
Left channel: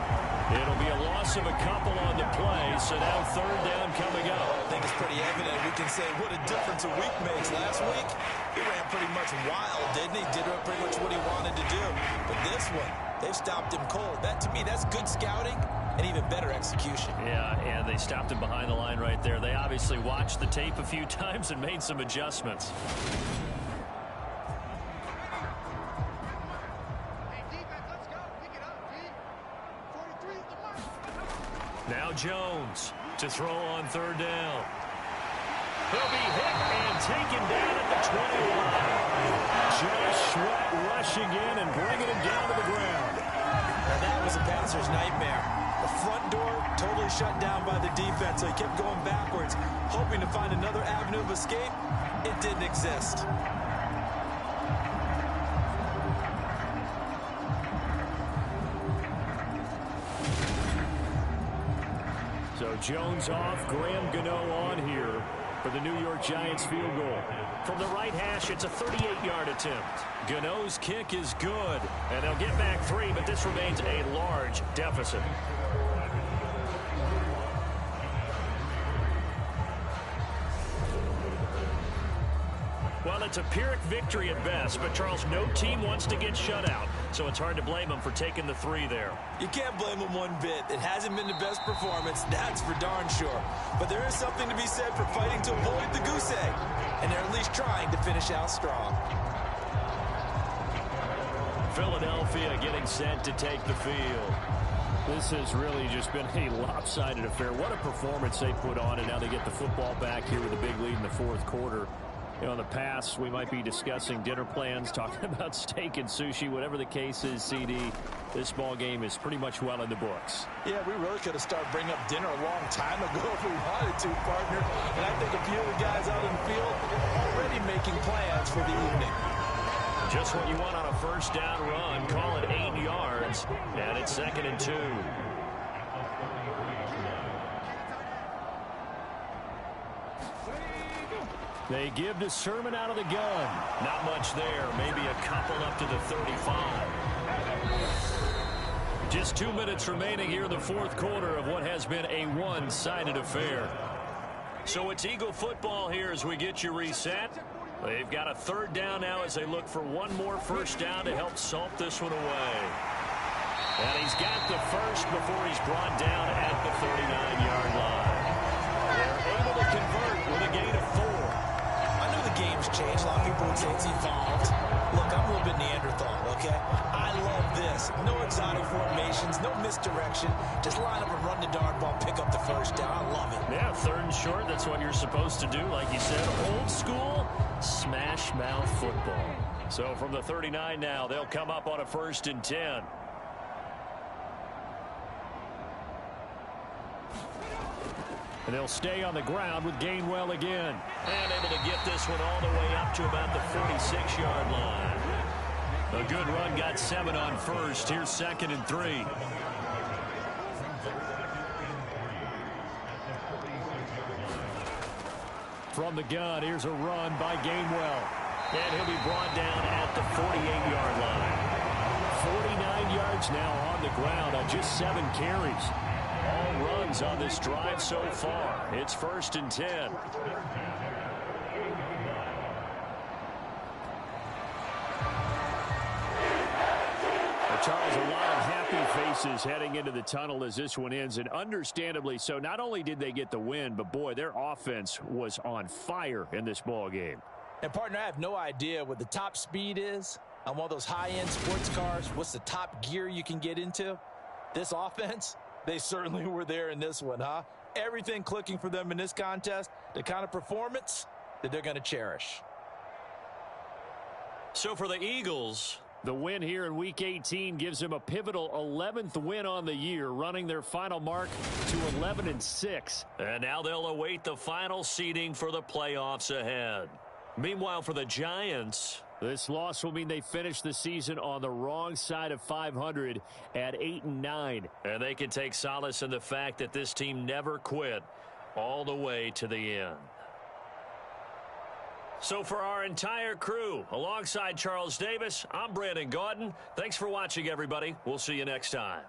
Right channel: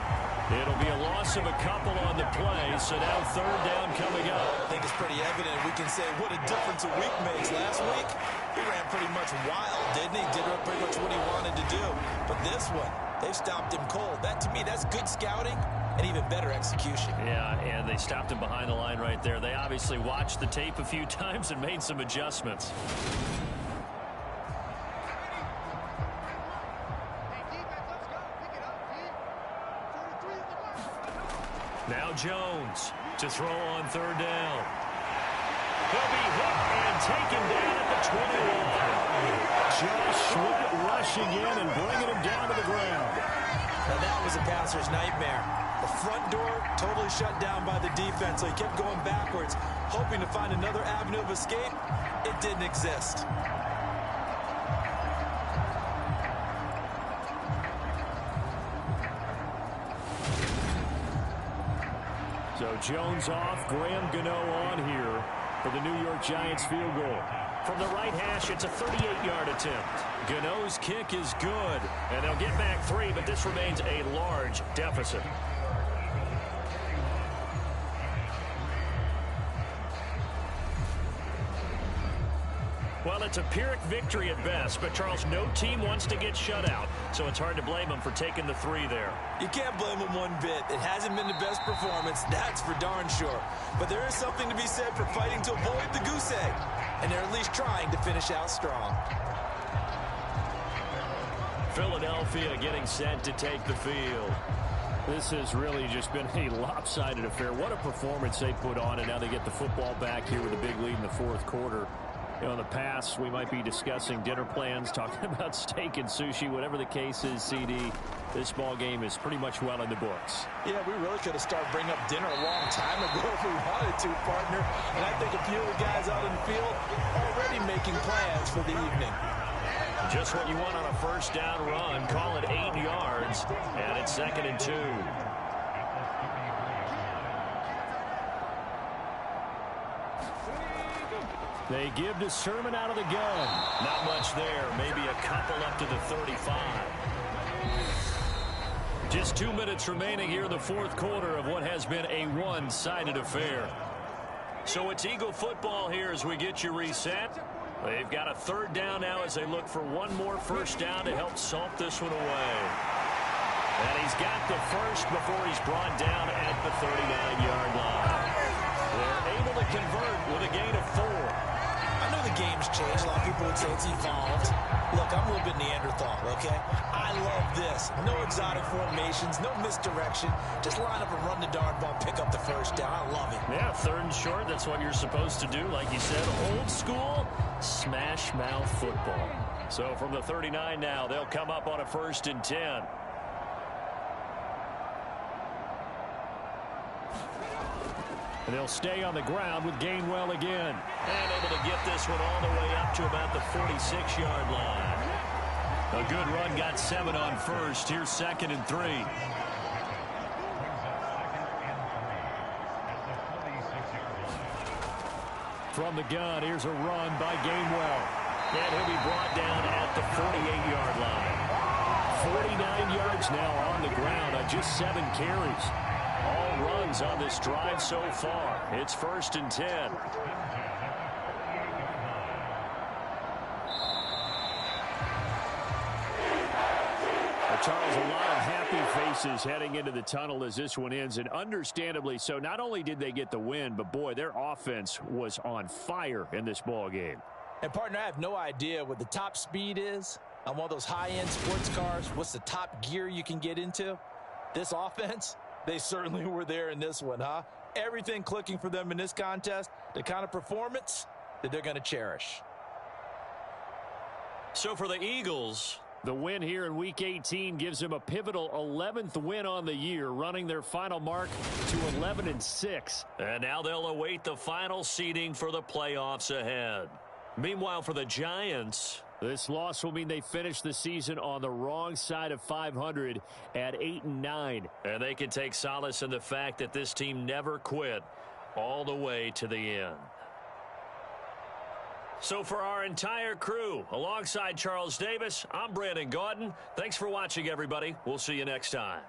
It'll be a loss of a couple on the play, so now 3rd down coming up. I think it's pretty evident. We can say what a difference a week makes. Last week, he ran pretty much wild, didn't he? Did pretty much what he wanted to do. But this one, they've stopped him cold. That, to me, that's good scouting and even better execution. Yeah, and they stopped him behind the line right there. They obviously watched the tape a few times and made some adjustments. Now Jones to throw on 3rd down. He'll be hit and taken down at the 21. Josh Sweat rushing in and bringing him down to the ground. Now that was a passer's nightmare. The front door totally shut down by the defense, so he kept going backwards, hoping to find another avenue of escape. It didn't exist. So Jones off, Graham Gano on here for the New York Giants field goal. From the right hash, it's a 38-yard attempt. Gano's kick is good, and they'll get back 3, but this remains a large deficit. Well, it's a Pyrrhic victory at best, but, Charles, no team wants to get shut out, so it's hard to blame them for taking the 3 there. You can't blame them one bit. It hasn't been the best performance, that's for darn sure. But there is something to be said for fighting to avoid the goose egg, and they're at least trying to finish out strong. Philadelphia getting set to take the field. This has really just been a lopsided affair. What a performance they put on, and now they get the football back here with a big lead in the 4th quarter. You know, in the past, we might be discussing dinner plans, talking about steak and sushi, whatever the case is, CD. This ball game is pretty much well in the books. Yeah, we really could have started bringing up dinner a long time ago if we wanted to, partner. And I think a few of the guys out in the field already making plans for the evening. Just what you want on a 1st down run. Call it 8 yards, and it's 2nd and 2. They give to Sermon out of the gun. Not much there. Maybe a couple up to the 35. Just 2 minutes remaining here in the 4th quarter of what has been a one-sided affair. So it's Eagle football here as we get you reset. They've got a 3rd down now as they look for one more 1st down to help salt this one away. And he's got the 1st before he's brought down at the 39-yard line. They're able to convert with a gain of 4. I know the game's changed. A lot of people would say it's evolved. Look, I'm a little bit Neanderthal, okay? I love this. No exotic formations, no misdirection. Just line up and run the darn ball, pick up the 1st down. I love it. Yeah, 3rd and short, that's what you're supposed to do. Like you said, old school, smash mouth football. So from the 39 now, they'll come up on a 1st and 10. And they'll stay on the ground with Gainwell again. And able to get this one all the way up to about the 46-yard line. A good run, got 7 on 1st. Here's 2nd and 3. From the gun, here's a run by Gainwell. And he'll be brought down at the 48-yard line. 49 yards now on the ground on just 7 carries. All runs on this drive so far. It's 1st and 10. Charles, a lot of happy happy faces heading into the tunnel as this one ends, and understandably so. Not only did they get the win, but, boy, their offense was on fire in this ball game. And, partner, I have no idea what the top speed is on one of those high-end sports cars. What's the top gear you can get into? This offense, they certainly were there in this one, huh? Everything clicking for them in this contest, the kind of performance that they're going to cherish. So for the Eagles, the win here in Week 18 gives them a pivotal 11th win on the year, running their final mark to 11-6. And now they'll await the final seeding for the playoffs ahead. Meanwhile, for the Giants, this loss will mean they finish the season on the wrong side of 500 at 8-9. And they can take solace in the fact that this team never quit all the way to the end. So for our entire crew, alongside Charles Davis, I'm Brandon Gaudin. Thanks for watching, everybody. We'll see you next time.